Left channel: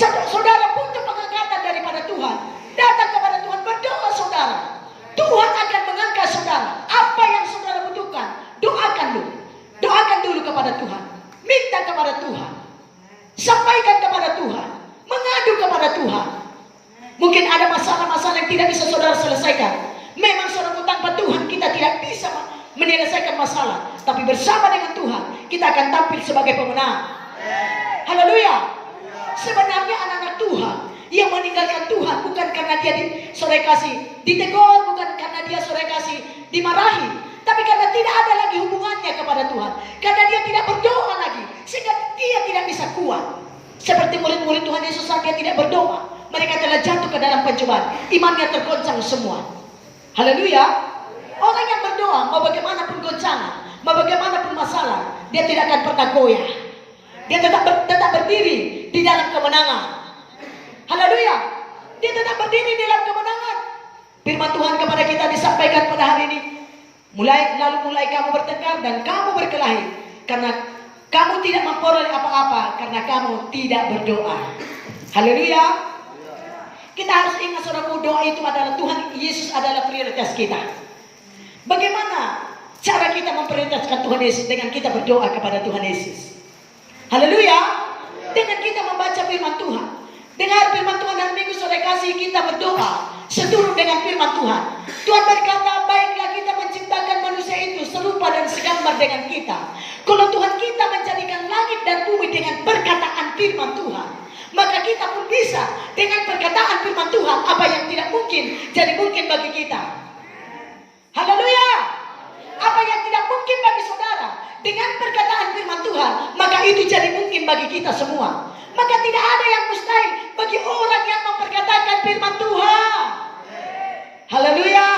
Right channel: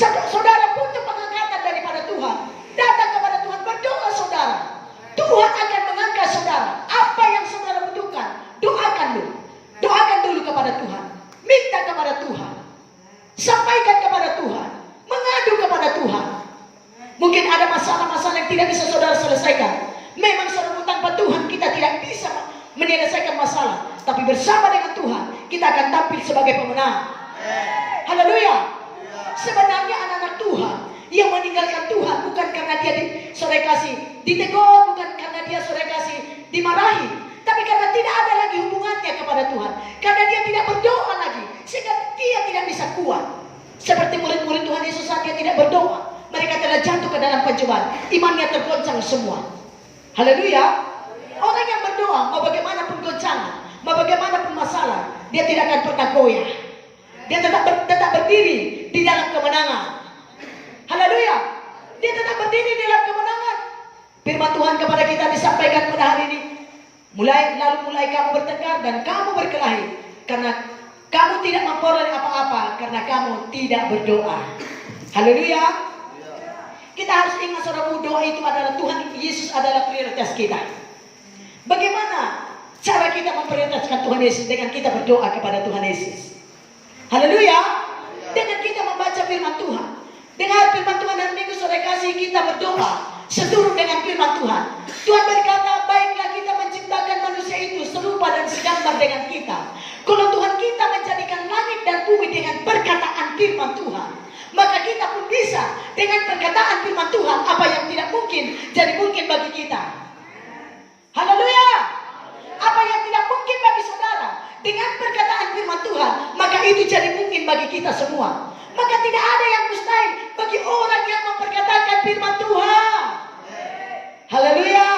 Saudara butuh pengangkatan daripada Tuhan. Datang kepada Tuhan, berdoa saudara. Tuhan akan mengangkat saudara. Apa yang saudara butuhkan, doakan dulu. Doakan dulu kepada Tuhan. Minta kepada Tuhan. Sampaikan kepada Tuhan. Mengadu kepada Tuhan. Mungkin ada masalah-masalah yang tidak bisa saudara selesaikan. Memang saudara tanpa Tuhan kita tidak bisa menyelesaikan masalah. Tapi bersama dengan Tuhan kita akan tampil sebagai pemenang. Haleluya. Sebenarnya anak-anak Tuhan yang meninggalkan Tuhan bukan karena dia saudara kasih ditegur, bukan karena dia saudara kasih dimarahi, tapi karena tidak ada lagi hubungannya kepada Tuhan. Karena dia tidak berdoa lagi, sehingga dia tidak bisa kuat. Seperti murid-murid Tuhan Yesus saat dia tidak berdoa, mereka telah jatuh ke dalam pencobaan, imannya tergoncang semua. Haleluya. Orang yang berdoa, mau bagaimanapun goncangan, mau bagaimanapun masalah, dia tidak akan pernah goyah. Dia tetap berdiri di dalam kemenangan. Haleluya. Dia tetap berdiri di dalam kemenangan. Firman Tuhan kepada kita disampaikan pada hari ini. Mulai kamu bertengkar dan kamu berkelahi, karena kamu tidak memperoleh apa-apa, karena kamu tidak berdoa. Haleluya. Kita harus ingat saudaraku, doa itu adalah Tuhan Yesus adalah prioritas kita. Bagaimana cara kita memprioritaskan Tuhan Yesus? Dengan kita berdoa kepada Tuhan Yesus. Haleluya. Dengan kita membaca firman Tuhan. Dengar firman Tuhan dan minggu sore kasih kita berdoa seturut dengan firman Tuhan. Tuhan berkata, baiklah kita menciptakan manusia itu serupa dan segambar dengan kita. Kalau Tuhan kita menjadikan langit dan bumi dengan perkataan firman Tuhan, maka kita pun bisa dengan perkataan firman Tuhan. Apa yang tidak mungkin jadi mungkin bagi kita. Haleluya. Apa yang tidak mungkin bagi saudara, dengan perkataan firman Tuhan, maka itu jadi mungkin bagi kita semua. Maka tidak ada yang mustahil bagi orang yang memperkatakan firman Tuhan. Haleluya.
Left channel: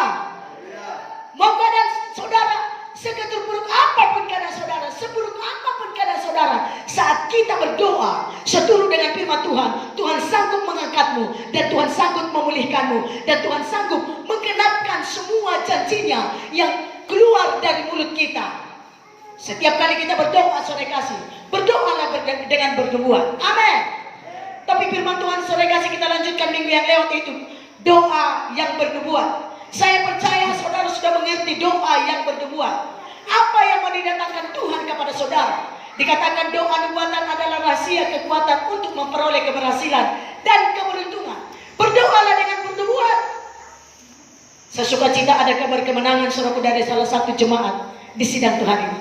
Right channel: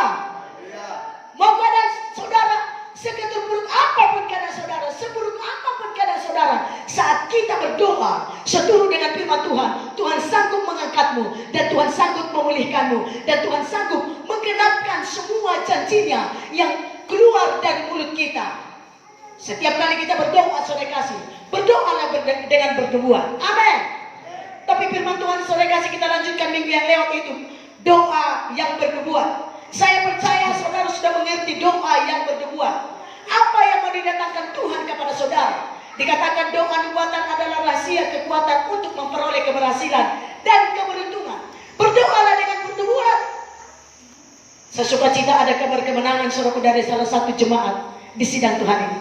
Mau keadaan saudara seketerburuk apapun keadaan saudara, seburuk apapun keadaan saudara, saat kita berdoa seturut dengan firman Tuhan, Tuhan sanggup mengangkatmu, dan Tuhan sanggup memulihkanmu, dan Tuhan sanggup menggenapkan semua janjinya yang keluar dari mulut kita. Setiap kali kita berdoa, saudara kasih, berdoalah dengan bernubuat. Amin. Tapi firman Tuhan, saudara kasih, kita lanjutkan minggu yang lewat itu, doa yang bernubuat. Saya percaya saudara sudah mengerti doa yang bernubuat. Apa yang mau didatangkan Tuhan kepada saudara? Dikatakan doa nubuatan adalah rahasia kekuatan untuk memperoleh keberhasilan dan keberuntungan. Berdoalah dengan bernubuat. Saya suka cita ada kabar kemenangan saudara dari salah satu jemaat di sidang Tuhan ini.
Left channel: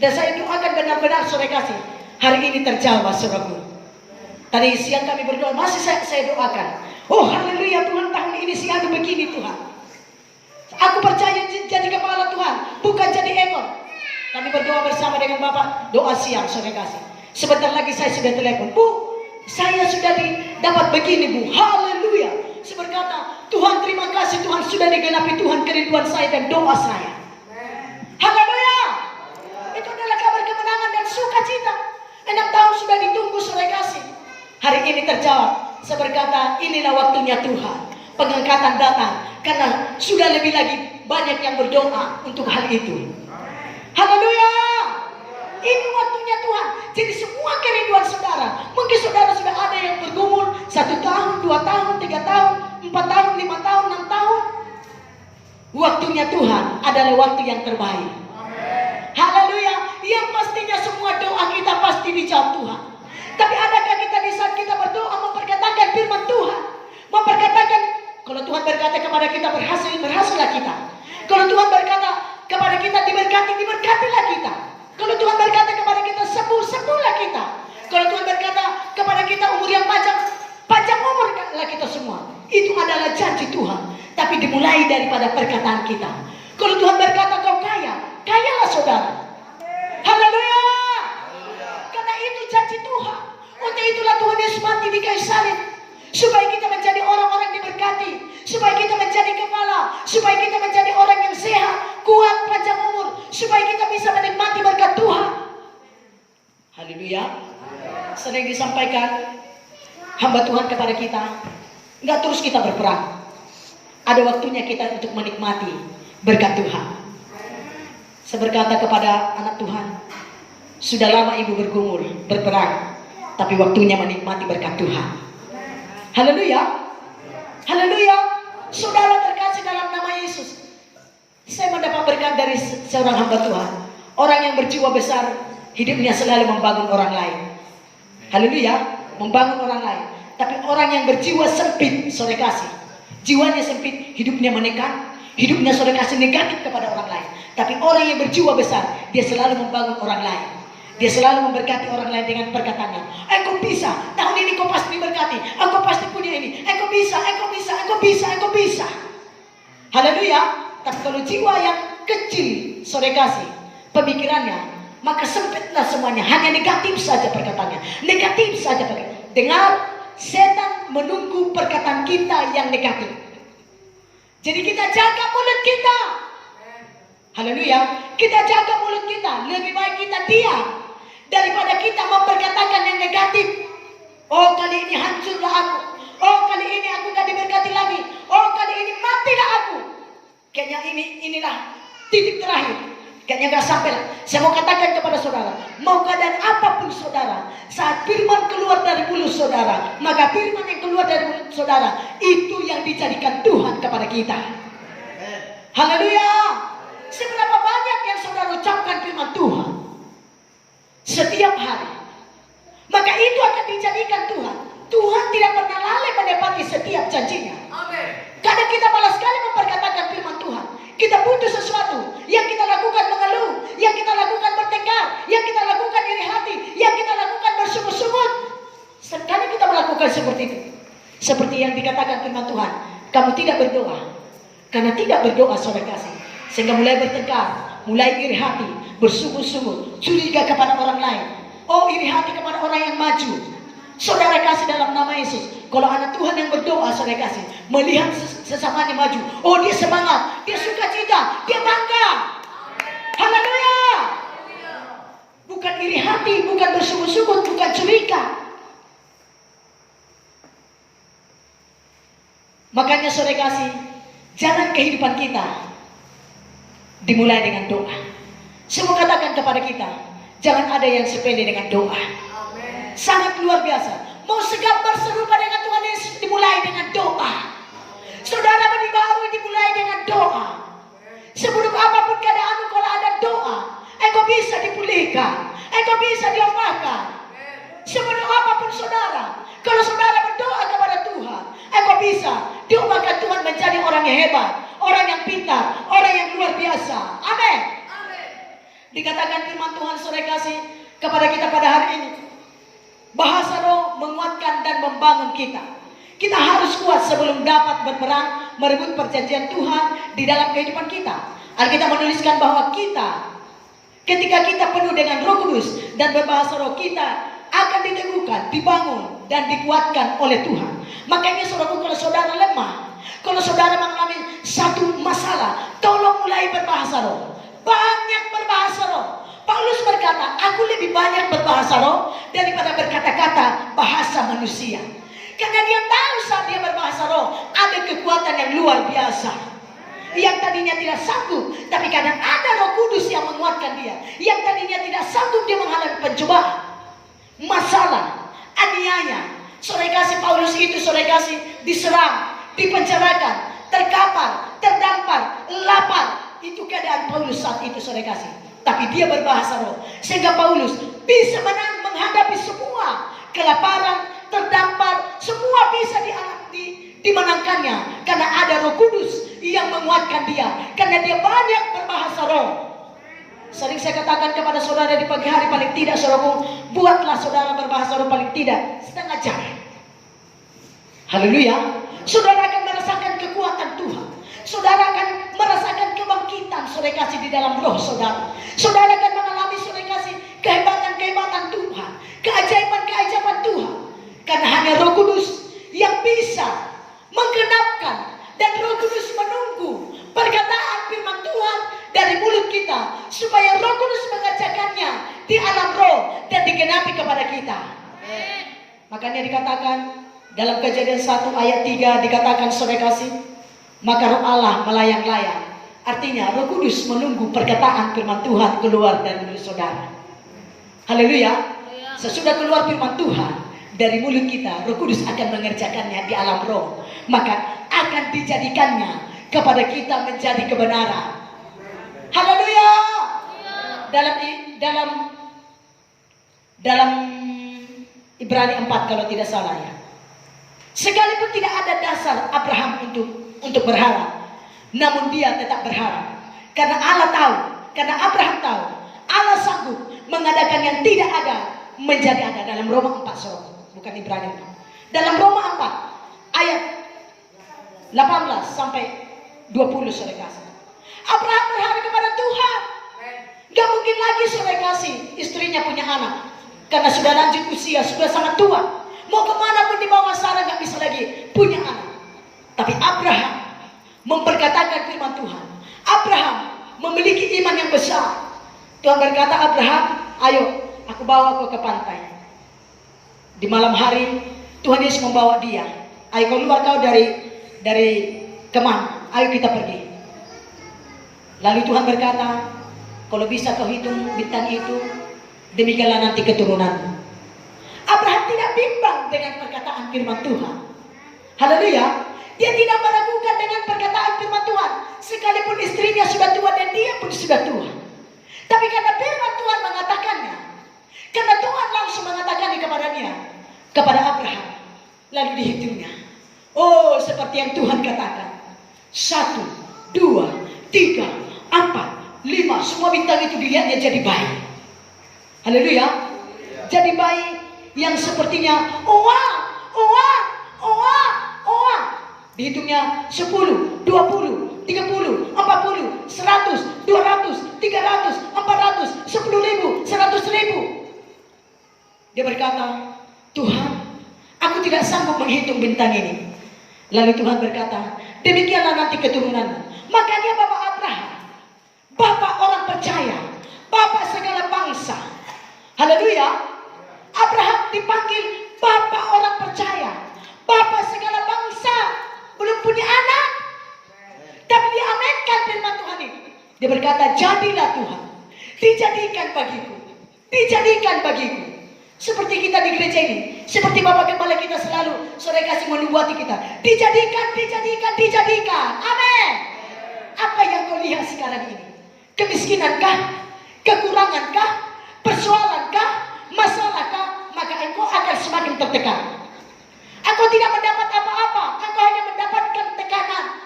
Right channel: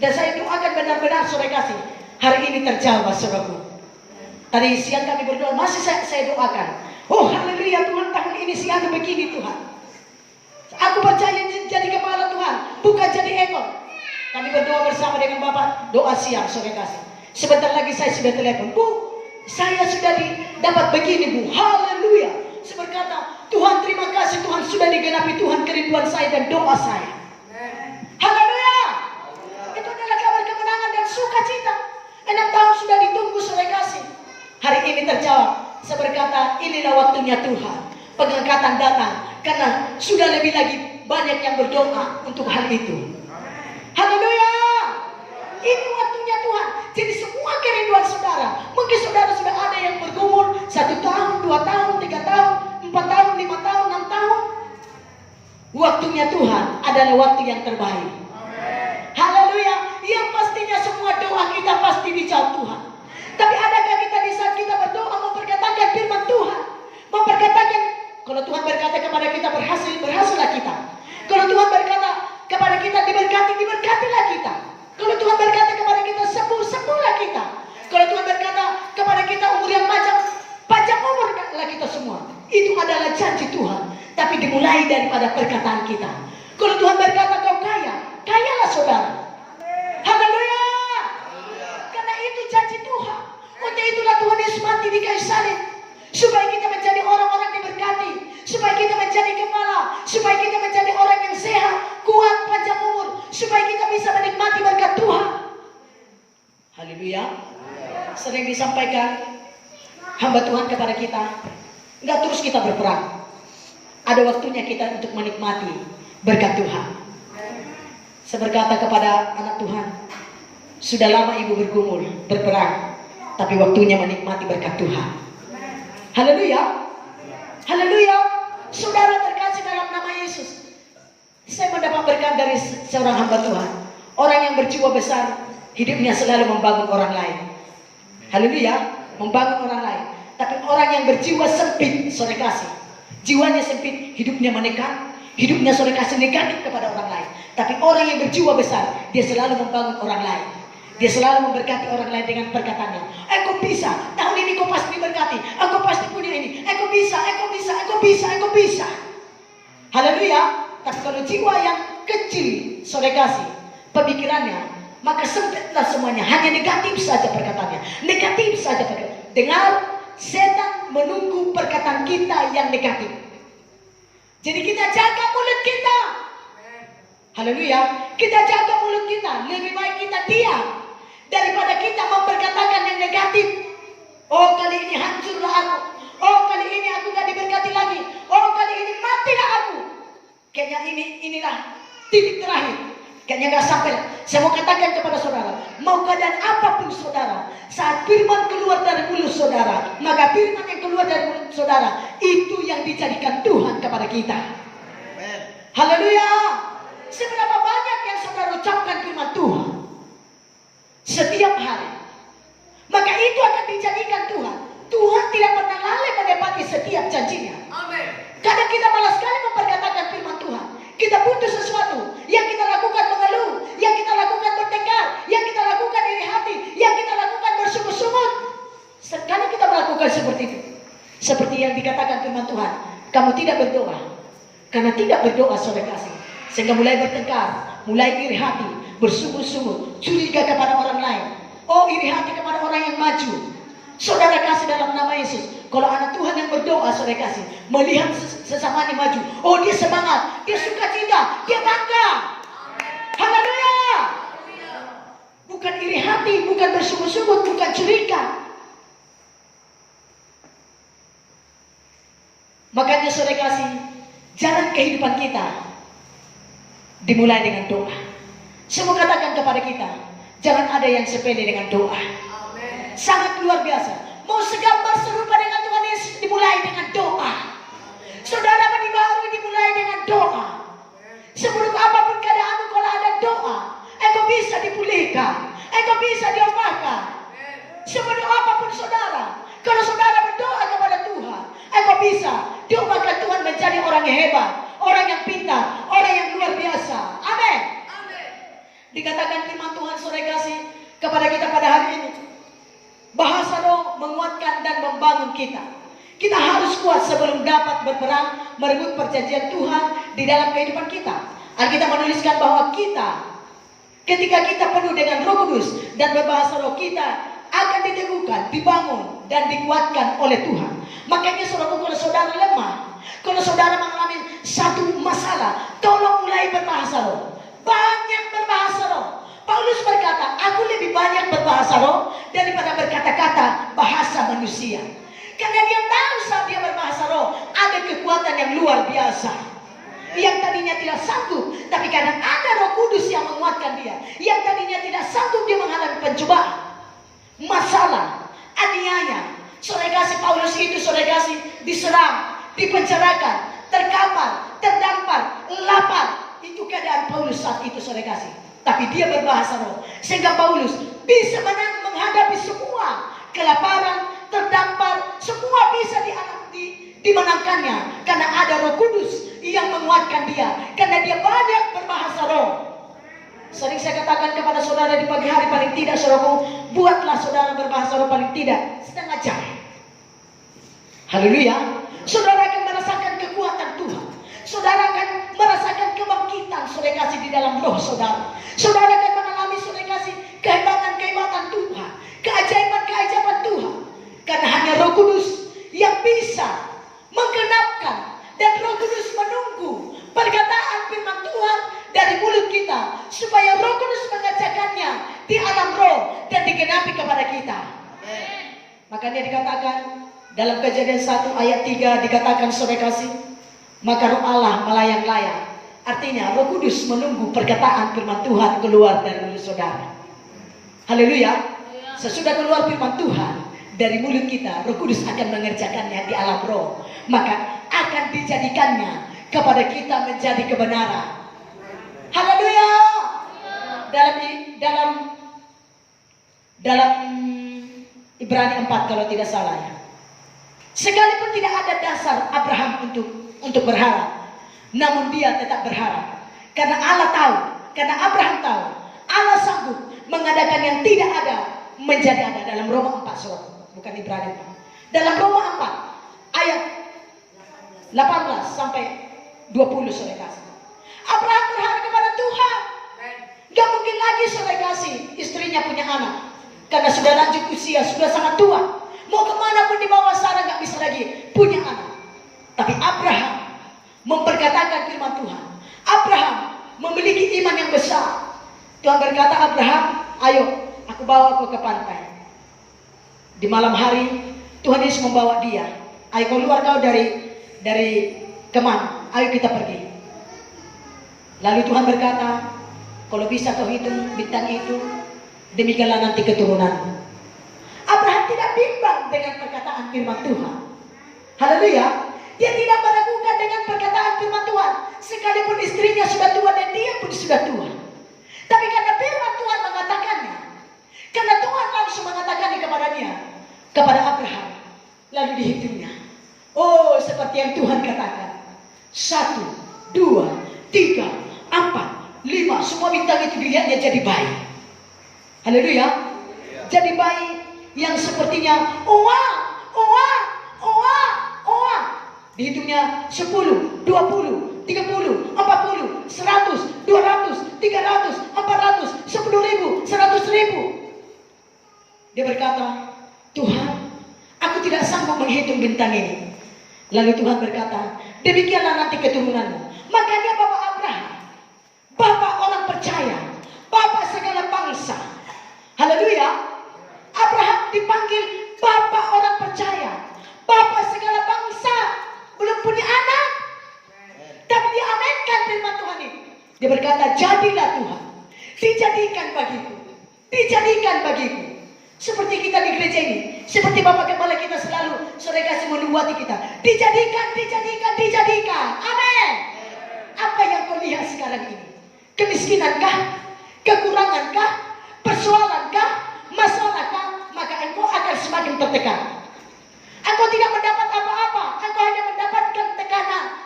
Dan saya doakan benar-benar saudara kasih, hari ini terjawab saudaraku. Tadi siang kami berdoa, masih saya doakan. Oh haleluya, Tuhan tahun ini siang begini Tuhan. Aku percaya jadi kepala Tuhan, bukan jadi ekor. Kami berdoa bersama dengan Bapak, doa siang saudara kasih. Sebentar lagi saya sudah telepon, Bu, saya sudah dapat begini Bu, haleluya. Saya berkata, Tuhan terima kasih, Tuhan sudah digenapi Tuhan kerinduan saya dan doa saya. Haleluya. Itu adalah kabar kemenangan dan sukacita. 6 tahun sudah ditunggu saudara kasih. Hari ini terjawab. Saya berkata, inilah waktunya Tuhan. Pengangkatan datang karena sudah lebih lagi banyak yang berdoa untuk hal itu. Haleluya. Ini waktunya Tuhan. Jadi semua kerinduan saudara, mungkin saudara sudah ada yang bergumul 1 tahun, 2 tahun, 3 tahun, 4 tahun, 5 tahun, 6 tahun. Waktunya Tuhan adalah waktu yang terbaik. Haleluya. Yang pastinya semua doa kita pasti dijawab Tuhan. Tapi adakah kita di saat kita berdoa memperkatakan firman Tuhan, memperkatakan, kalau Tuhan berkata kepada kita berhasil, berhasillah kita. Kalau Tuhan berkata kepada kita diberkati, diberkatilah kita. Kalau Tuhan berkata kepada kita sembuh, sembuhlah kita. Kalau Tuhan berkata kepada kita umur yang panjang umurlah kita semua. Itu adalah janji Tuhan. Tapi dimulai daripada perkataan kita. Kalau Tuhan berkata kau kaya, kayalah saudara. Haleluya. Karena itu janji Tuhan. Untuk itulah Tuhan Yesus mati di kayu salib, supaya kita menjadi orang-orang diberkati, supaya kita menjadi kepala, supaya kita menjadi orang yang sehat, kuat, panjang umur, supaya kita bisa menikmati berkat Tuhan. Haleluya. Sering disampaikan hamba Tuhan kepada kita, enggak terus kita berperang. Ada waktunya kita untuk menikmati berkat Tuhan. Saya berkata kepada anak Tuhan, sudah lama ibu bergumul, berperang, tapi waktunya menikmati berkat Tuhan. Haleluya. Haleluya. Saudara terkasih dalam nama Yesus, saya mendapat berkat dari seorang hamba Tuhan. Orang yang berjiwa besar, hidupnya selalu membangun orang lain. Haleluya. Membangun orang lain. Tapi orang yang berjiwa sempit, sore kasih, jiwanya sempit, hidupnya menekan, hidupnya sore kasih negatif kepada orang lain. Tapi orang yang berjiwa besar, dia selalu membangun orang lain. Dia selalu memberkati orang lain dengan perkataannya. Engkau bisa, tahun ini kau pasti diberkati. Engkau pasti punya ini. Engkau bisa, engkau bisa, engkau bisa, engkau bisa. Haleluya. Tapi kalau jiwa yang kecil, sore kasih, pemikirannya, maka sempitlah semuanya. Hanya negatif saja perkataannya. Negatif saja perkataannya. Dengar, setan menunggu perkataan kita yang negatif. Jadi kita jaga mulut kita. Haleluya. Kita jaga mulut kita. Lebih baik kita diam daripada kita memperkatakan yang negatif. Oh, kali ini hancurlah aku. Oh, kali ini aku gak diberkati lagi. Oh, kali ini matilah aku. Kayaknya inilah titik terakhir. Kayaknya gak sampai. Saya mau katakan kepada saudara, mau keadaan apapun saudara, saat firman keluar dari mulut saudara, maka firman yang keluar dari mulut saudara, itu yang dijadikan Tuhan kepada kita. Haleluya. Seberapa banyak yang saudara ucapkan firman Tuhan setiap hari, maka itu akan dijadikan Tuhan. Tuhan tidak pernah lalai menepati setiap janjinya. Kadang kita malas sekali memperkatakan firman Tuhan. Kita butuh sesuatu, yang kita lakukan mengeluh, yang kita lakukan bertengkar, yang kita lakukan iri hati, yang kita lakukan bersungut-sungut. Sekali kita melakukan seperti itu, seperti yang dikatakan firman Tuhan, kamu tidak berdoa. Karena tidak berdoa, sore kasih, sehingga mulai bertengkar, mulai iri hati, bersungut-sungut, curiga kepada orang lain. Oh, iri hati kepada orang yang maju. Saudara kasih dalam nama Yesus, kalau anak Tuhan yang berdoa, saudara kasih, melihat sesamanya maju, oh dia semangat, dia sukacita, dia bangga. Haleluya. Bukan iri hati, bukan bersungut-sungut, bukan curiga. Makanya saudara kasih, jalan kehidupan kita dimulai dengan doa. Saya mau katakan kepada kita, jangan ada yang sepele dengan doa. Sangat luar biasa. Mau segambar serupa dengan Tuhan Yesus, dimulai dengan doa. Saudara mandi baru dimulai dengan doa. Sebelum apapun keadaanmu, kalau ada doa, engkau bisa dipulihkan, engkau bisa diubahkan. Sebelum apapun saudara, kalau saudara berdoa kepada Tuhan, engkau bisa diubahkan Tuhan menjadi orang yang hebat, orang yang pintar, orang yang luar biasa. Amin. Dikatakan firman Tuhan sore kasih kepada kita pada hari ini, bahasa roh menguatkan dan membangun kita. Kita harus kuat sebelum dapat berperang merebut perjanjian Tuhan di dalam kehidupan kita. Alkitab menuliskan bahwa kita, ketika kita penuh dengan Roh Kudus dan berbahasa roh, kita akan diteguhkan, dibangun dan dikuatkan oleh Tuhan. Makanya saudara, kalau saudara lemah, kalau saudara mengalami satu masalah, tolong mulai berbahasa roh. Banyak berbahasa roh. Paulus berkata, aku lebih banyak berbahasa roh daripada berkata-kata bahasa manusia. Karena dia tahu saat dia berbahasa roh, ada kekuatan yang luar biasa. Yang tadinya tidak sanggup, tapi kadang ada Roh Kudus yang menguatkan dia. Yang tadinya tidak sanggup, dia menghadapi pencobaan, masalah, aniaya. Sore kasih Paulus itu, sore kasih, diserang, dipenjarakan, terkapar, terdampar, lapar. Itu keadaan Paulus saat itu, sore kasih. Tapi dia berbahasa roh, sehingga Paulus bisa menghadapi semua kelaparan, terdampar, semua bisa dimenangkannya. Karena ada Roh Kudus yang menguatkan dia, karena dia banyak berbahasa roh. Sering saya katakan kepada saudara di pagi hari, paling tidak saudaraku, buatlah saudara berbahasa roh paling tidak setengah jam. Haleluya. Saudara akan merasakan kekuatan Tuhan. Saudara akan merasakan kebangkitan saudara kasih di dalam roh saudara. Saudara akan mengalami saudara kasih kehebatan-kehebatan Tuhan, keajaiban-keajaiban Tuhan. Karena hanya Roh Kudus yang bisa menggenapkan, dan Roh Kudus menunggu perkataan firman Tuhan dari mulut kita, supaya Roh Kudus mengajarkannya di alam roh dan digenapi kepada kita. Makanya dikatakan dalam Kejadian 1 ayat 3 dikatakan saudara kasih, maka Roh Allah melayang-layang. Artinya Roh Kudus menunggu perkataan firman Tuhan keluar dari mulut saudara. Haleluya. Sesudah keluar firman Tuhan, dari mulut kita, Roh Kudus akan mengerjakannya di alam roh. Maka akan dijadikannya kepada kita menjadi kebenaran. Haleluya. Dalam Ibrani 4 kalau tidak salah ya. Sekalipun tidak ada dasar Abraham untuk berharap, namun dia tetap berharap. Karena Allah tahu, karena Abraham tahu, Allah sanggup mengadakan yang tidak ada menjadi ada. Dalam Roma 4, bukan Ibrani 4. Dalam Roma 4 ayat 18 sampai 20 saudara kasih. Abraham berharap kepada Tuhan. Gak mungkin lagi saudara kasih istrinya punya anak, karena sudah lanjut usia, sudah sangat tua. Mau kemana pun di bawah Sarah gak bisa lagi punya anak. Tapi Abraham memperkatakan firman Tuhan. Abraham memiliki iman yang besar. Tuhan berkata, Abraham, ayo aku bawa kau ke pantai. Di malam hari Tuhan Yesus membawa dia. Ayo keluar kau dari kemah. Ayo kita pergi. Lalu Tuhan berkata, kalau bisa kau hitung bintang itu, demikianlah nanti keturunan. Abraham tidak bimbang dengan perkataan firman Tuhan. Haleluya. Dia tidak meragukan dengan perkataan firman Tuhan. Sekalipun istrinya sudah tua dan dia pun sudah tua. Tapi karena firman Tuhan mengatakannya, karena Tuhan langsung mengatakannya kepada Abraham, lalu dihitungnya. Oh, seperti yang Tuhan katakan. 1, 2, 3, 4, 5, semua bintang itu dilihatnya jadi bayi. Haleluya. Jadi bayi yang sepertinya dihitungnya 10, 20, 30, 40, 100, 200, 300, 400, 10.000, 100.000. Dia berkata, Tuhan, aku tidak sanggup menghitung bintang ini. Lalu Tuhan berkata, demikianlah nanti keturunanmu. Makanya Bapak Abraham, Bapak orang percaya, Bapak segala bangsa. Haleluya. Abraham dipanggil Bapak orang percaya, Bapak segala bangsa. Belum punya anak, tapi dia aminkan firman Tuhan ini. Dia berkata, jadilah Tuhan, dijadikan bagiku. Seperti kita di gereja ini, seperti Bapak Kepala kita selalu sore kasih menubuati kita, dijadikan. Amin. Apa yang kau lihat sekarang ini? Kemiskinankah? Kekurangankah? Persoalankah? Masalahkah? Maka engkau akan semakin tertekan. Engkau tidak mendapat apa-apa. Engkau hanya mendapatkan tekanan.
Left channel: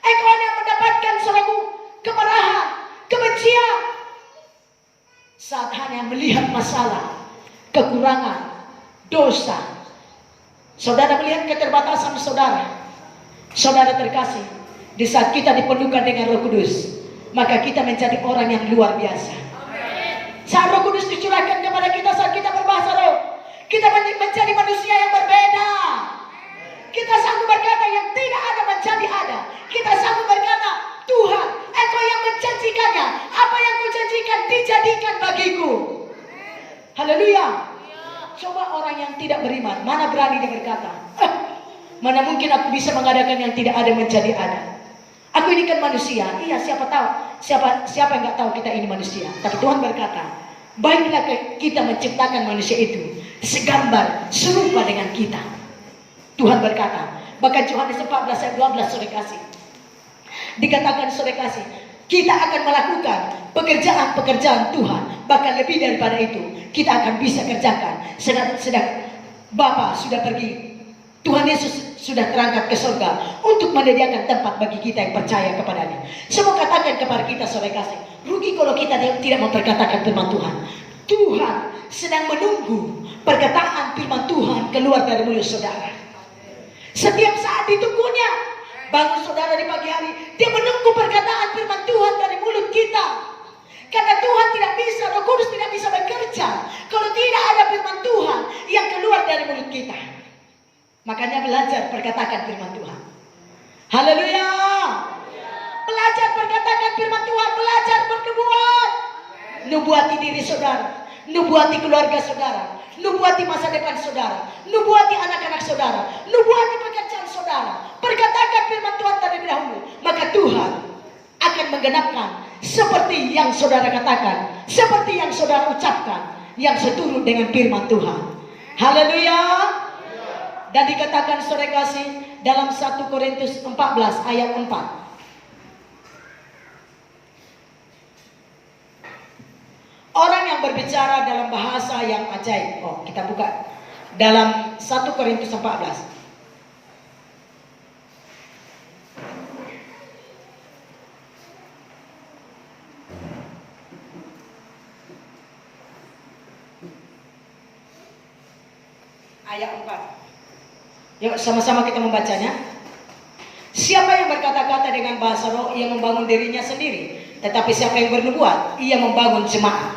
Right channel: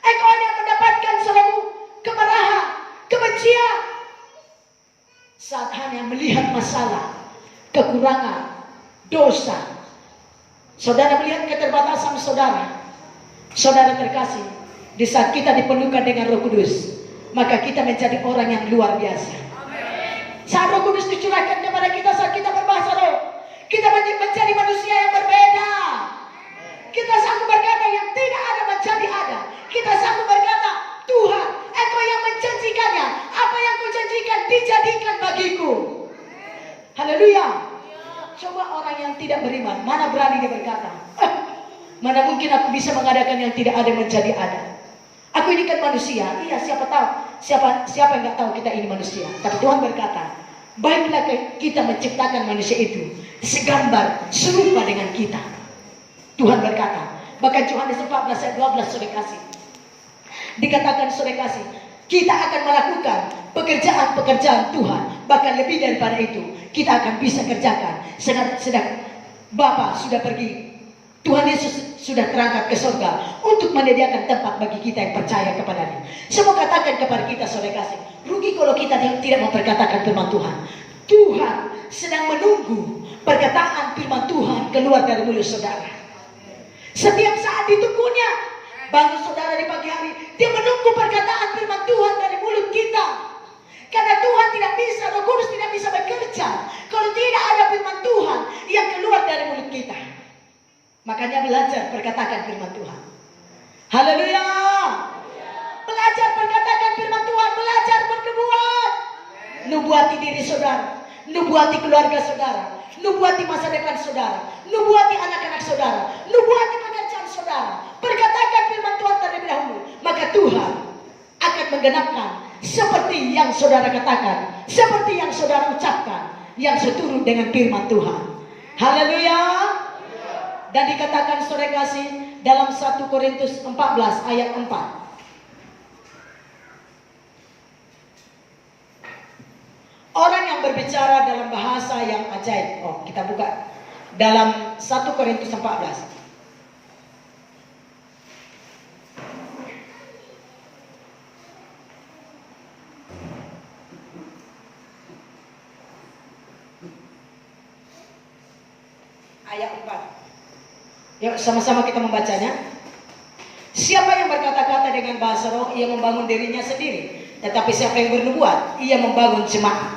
Engkau hanya mendapatkan suatu kemarahan, kebencian. Saat hanya melihat masalah, kekurangan, dosa. Saudara melihat keterbatasan saudara. Saudara terkasih, di saat kita dipenuhkan dengan Roh Kudus, maka kita menjadi orang yang luar biasa. Saat Roh Kudus dicurahkan kepada kita, saat kita berbahasa roh, kita menjadi manusia yang berbeda. Kita sanggup berkata yang tidak ada menjadi ada. Kita sanggup berkata, Tuhan, Engkau yang menjanjikannya. Apa yang Kau janjikan dijadikan bagiku. Haleluya. Coba orang yang tidak beriman, mana berani dia berkata, mana mungkin aku bisa mengadakan yang tidak ada menjadi ada. Aku ini kan manusia. Iya, siapa tahu, siapa yang nggak tahu kita ini manusia. Tapi Tuhan berkata, baiklah kita menciptakan manusia itu segambar, serupa dengan kita. Tuhan berkata, bahkan Yohanes 14 ayat 12 saudara kasih, dikatakan saudara kasih, kita akan melakukan pekerjaan-pekerjaan Tuhan, bahkan lebih daripada itu kita akan bisa kerjakan. Sedang Bapa sudah pergi, Tuhan Yesus sudah terangkat ke surga untuk menyediakan tempat bagi kita yang percaya kepadanya. Semua katakan kepada kita saudara kasih, rugi kalau kita tidak memperkatakan firman Tuhan. Tuhan sedang menunggu perkataan firman Tuhan keluar dari mulut saudara. Setiap saat ditunggunya. Bangun saudara di pagi hari, dia menunggu perkataan firman Tuhan dari mulut kita. Karena Tuhan tidak bisa, Roh Kudus tidak bisa bekerja kalau tidak ada firman Tuhan yang keluar dari mulut kita. Makanya belajar perkatakan firman Tuhan. Haleluya. Belajar perkatakan firman Tuhan, belajar bernubuat. Nubuati diri saudara, nubuati keluarga saudara, nubuati masa depan saudara, nubuati anak-anak saudara, nubuati pekerjaan saudara. Perkatakan firman Tuhan terlebih dahulu, maka Tuhan akan menggenapkan seperti yang saudara katakan, seperti yang saudara ucapkan, yang seturut dengan firman Tuhan. Haleluya. Dan dikatakan saudara kasih dalam 1 Korintus 14 ayat 4. Orang yang berbicara dalam bahasa yang ajaib. Oh, kita buka dalam 1 Korintus 14. Ayat 4. Yuk sama-sama kita membacanya. Siapa yang berkata-kata dengan bahasa roh, ia membangun dirinya sendiri. Tetapi siapa yang bernubuat, ia membangun jemaat.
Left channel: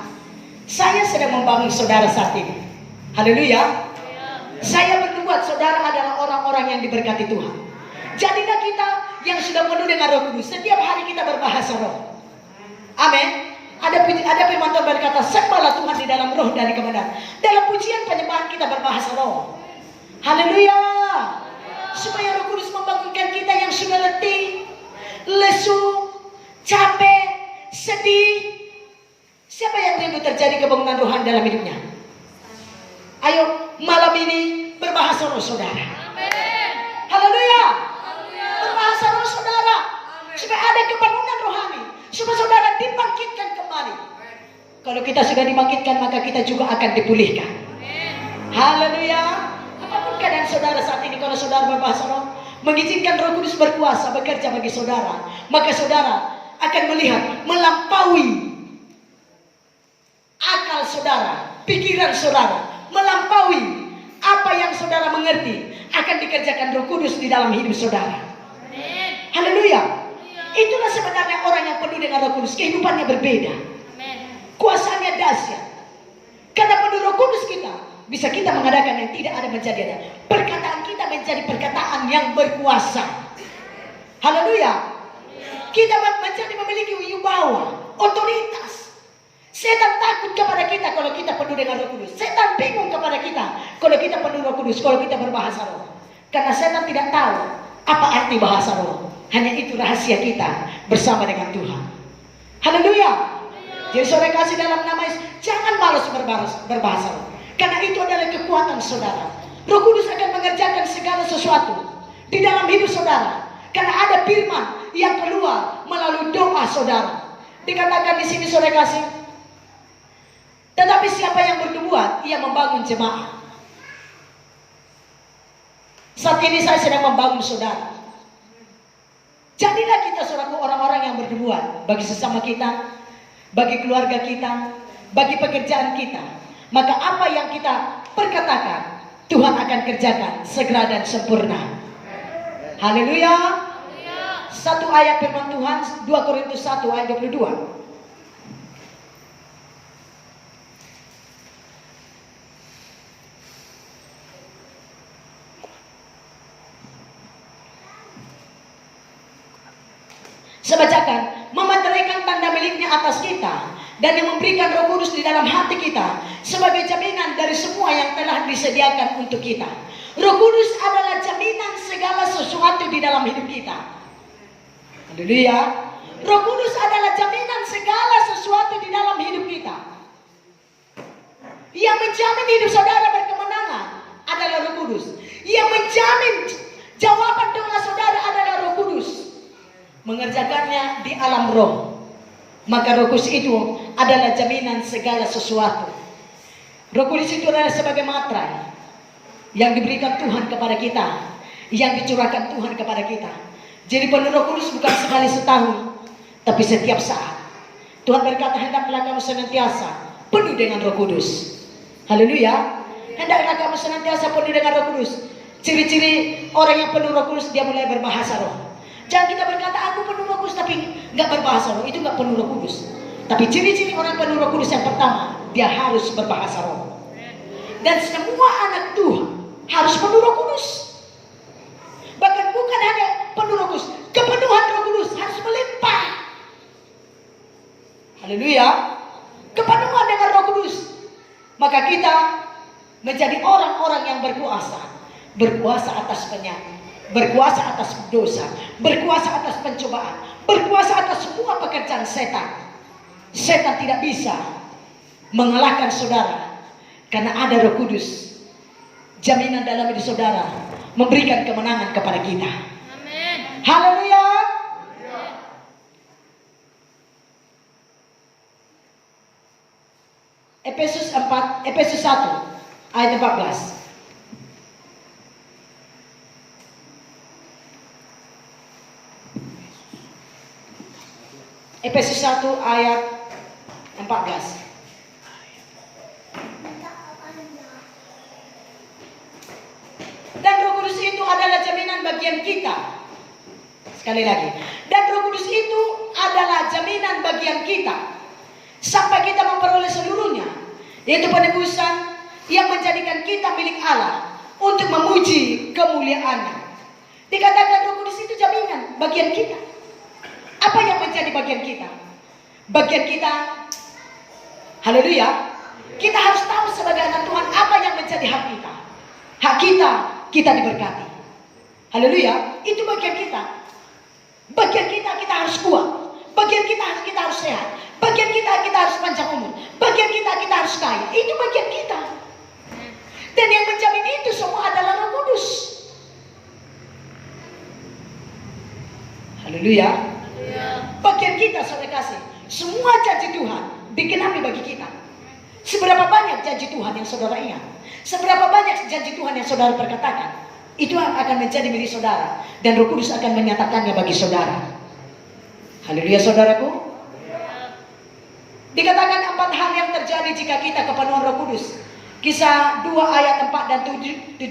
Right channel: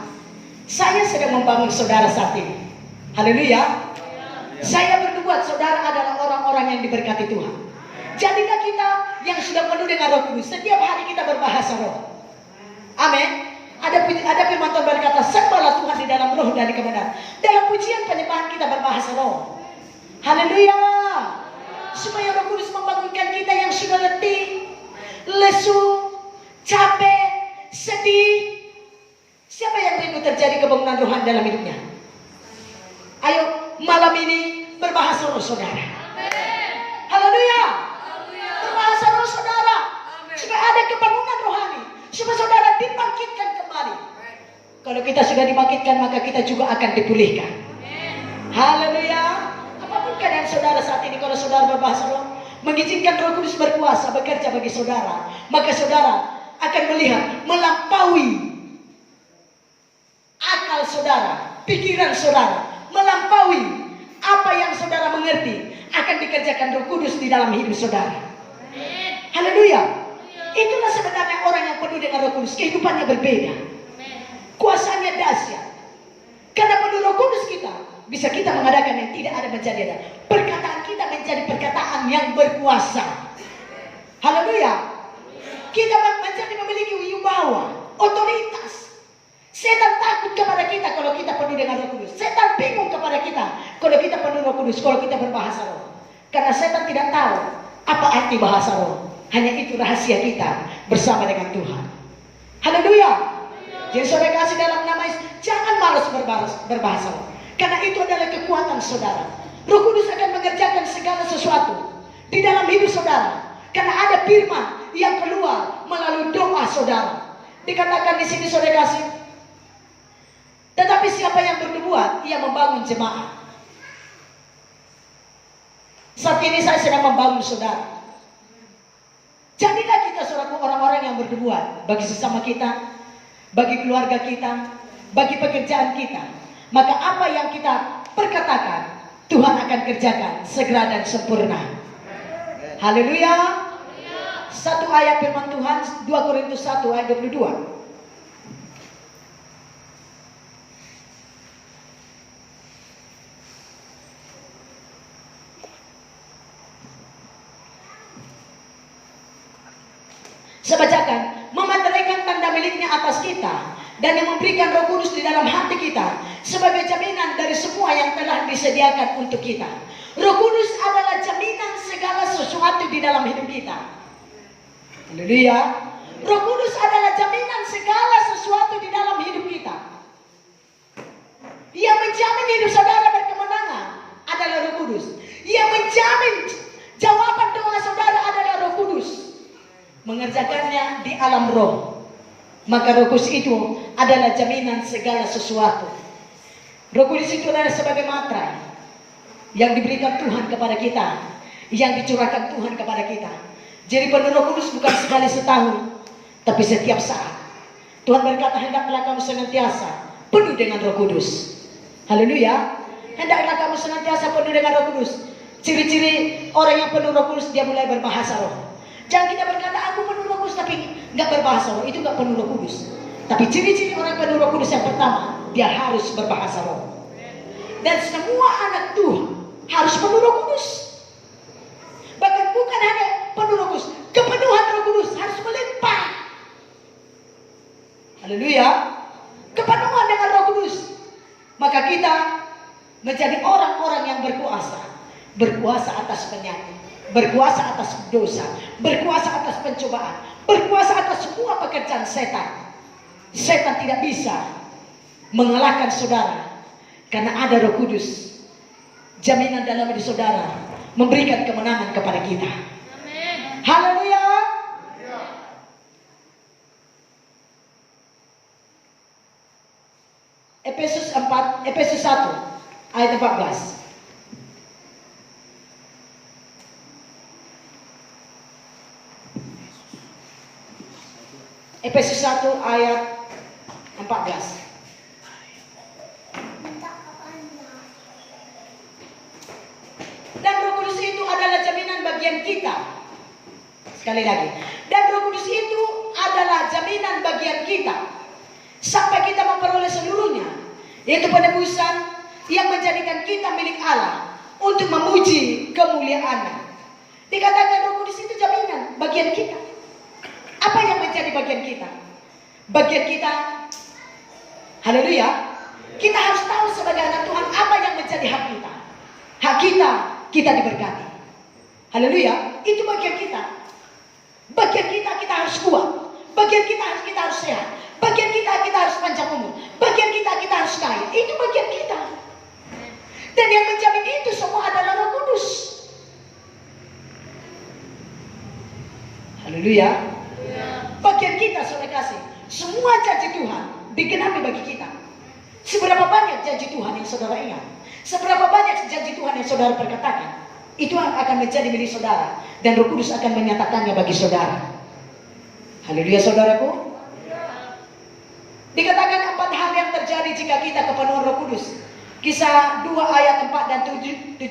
Saya sedang membangun saudara saat ini. Haleluya. Saya bernubuat saudara adalah orang-orang yang diberkati Tuhan. Jadilah kita yang sudah penuh dengan Roh Kudus. Setiap hari kita berbahasa roh. Amin. Ada firman Tuhan berkata, sembahlah Tuhan di dalam roh dan di kebenaran. Dalam pujian penyembahan kita berbahasa roh. Haleluya. Supaya Roh Kudus membangunkan kita yang sudah letih, lesu, capek, sedih. Siapa yang rindu terjadi kebangunan rohani dalam hidupnya? Ayo malam ini berbahasa roh saudara. Haleluya. Berbahasa roh saudara. Supaya ada kebangunan rohani. Supaya saudara dibangkitkan kembali. Kalau kita sudah dibangkitkan, maka kita juga akan dipulihkan. Haleluya. Apapun keadaan saudara saat ini, kalau saudara berbahasa roh, mengizinkan Roh Kudus berkuasa bekerja bagi saudara, maka saudara akan melihat melampaui akal saudara, pikiran saudara, melampaui apa yang saudara mengerti, akan dikerjakan Roh Kudus di dalam hidup saudara. Haleluya. Itulah sebenarnya orang yang penuh dengan Roh Kudus, kehidupannya berbeda, kuasanya dahsyat. Karena penuh Roh Kudus kita, bisa kita mengadakan yang tidak ada menjadi ada. Perkataan kita menjadi perkataan yang berkuasa. Haleluya. Kita menjadi memiliki wibawa, otoritas. Setan takut kepada kita kalau kita penuh dengan Roh Kudus. Setan bingung kepada kita kalau kita penuh Roh Kudus, kalau kita berbahasa roh. Karena setan tidak tahu apa arti bahasa roh. Hanya itu rahasia kita bersama dengan Tuhan. Haleluya. Jadi saudara kasih dalam nama Yesus, jangan malas berbahasa roh. Karena itu adalah kekuatan saudara. Roh Kudus akan mengerjakan segala sesuatu di dalam hidup saudara. Karena ada firman yang keluar melalui doa saudara. Dikatakan di sini saudara kasih, tetapi siapa yang bernubuat, ia membangun jemaat. Saat ini saya sedang membangun saudara. Jadilah kita seorang orang-orang yang bernubuat bagi sesama kita, bagi keluarga kita, bagi pekerjaan kita. Maka apa yang kita perkatakan, Tuhan akan kerjakan segera dan sempurna. Haleluya. Satu ayat firman Tuhan, 2 Korintus 1 ayat 22. Saya bacakan, memeteraikan tanda miliknya atas kita, dan yang memberikan Roh Kudus di dalam hati kita sebagai jaminan dari semua yang telah disediakan untuk kita. Roh Kudus adalah jaminan segala sesuatu di dalam hidup kita. Haleluya. Roh Kudus adalah jaminan segala sesuatu di dalam hidup kita. Yang menjamin hidup saudara berkemenangan adalah Roh Kudus. Yang menjamin jawaban doa saudara adalah Roh Kudus. Mengerjakannya di alam roh. Maka Roh Kudus itu adalah jaminan segala sesuatu. Roh Kudus itu adalah sebagai materai yang diberikan Tuhan kepada kita, yang dicurahkan Tuhan kepada kita. Jadi penuh Roh Kudus bukan sekali setahun, tapi setiap saat. Tuhan berkata, hendaklah kamu senantiasa penuh dengan Roh Kudus. Haleluya. Hendaklah kamu senantiasa penuh dengan Roh Kudus. Ciri-ciri orang yang penuh Roh Kudus, dia mulai berbahasa roh. Jangan kita berkata, aku penuh Roh Kudus tapi nggak berbahasa roh. Itu nggak penuh Roh Kudus. Tapi ciri-ciri orang penuh Roh Kudus yang pertama, dia harus berbahasa roh. Dan semua anak Tuhan harus penuh Roh Kudus. Bahkan bukan hanya penuh Roh Kudus, kepenuhan Roh Kudus harus melimpah. Haleluya. Kepenuhan dengan Roh Kudus, maka kita menjadi orang-orang yang berkuasa. Berkuasa atas penyakit, berkuasa atas dosa, berkuasa atas pencobaan, berkuasa atas semua pekerjaan setan. Setan tidak bisa mengalahkan saudara karena ada Roh Kudus. Jaminan dalam hidup saudara, memberikan kemenangan kepada kita. Amin. Haleluya. Efesus 1 ayat 14. Efesus 1 ayat 14. Dan Roh Kudus itu adalah jaminan bagian kita. Sekali lagi. Dan Roh Kudus itu adalah jaminan bagian kita sampai kita memperoleh seluruhnya, yaitu penebusan yang menjadikan kita milik Allah untuk memuji kemuliaan-Nya. Dikatakan Roh Kudus itu jaminan bagian kita. Apa yang menjadi bagian kita? Bagian kita, haleluya, kita harus tahu sebagai anak Tuhan apa yang menjadi hak kita. Hak kita diberkati. Haleluya, itu bagian kita. Bagian kita harus kuat. Bagian kita harus sehat. Bagian kita harus panjang umur. Bagian kita harus kaya. Itu bagian kita. Dan yang menjamin itu semua adalah Roh Kudus. Haleluya. Bagian kita, saudara kasih, semua janji Tuhan digenapi bagi kita. Seberapa banyak janji Tuhan yang saudara ingat, seberapa banyak janji Tuhan yang saudara perkatakan, itu akan menjadi milik saudara, dan Roh Kudus akan menyatakannya bagi saudara. Haleluya, saudaraku. Dikatakan 4 hal yang terjadi jika kita kepenuhan Roh Kudus. Kisah 2 ayat 4 dan 17.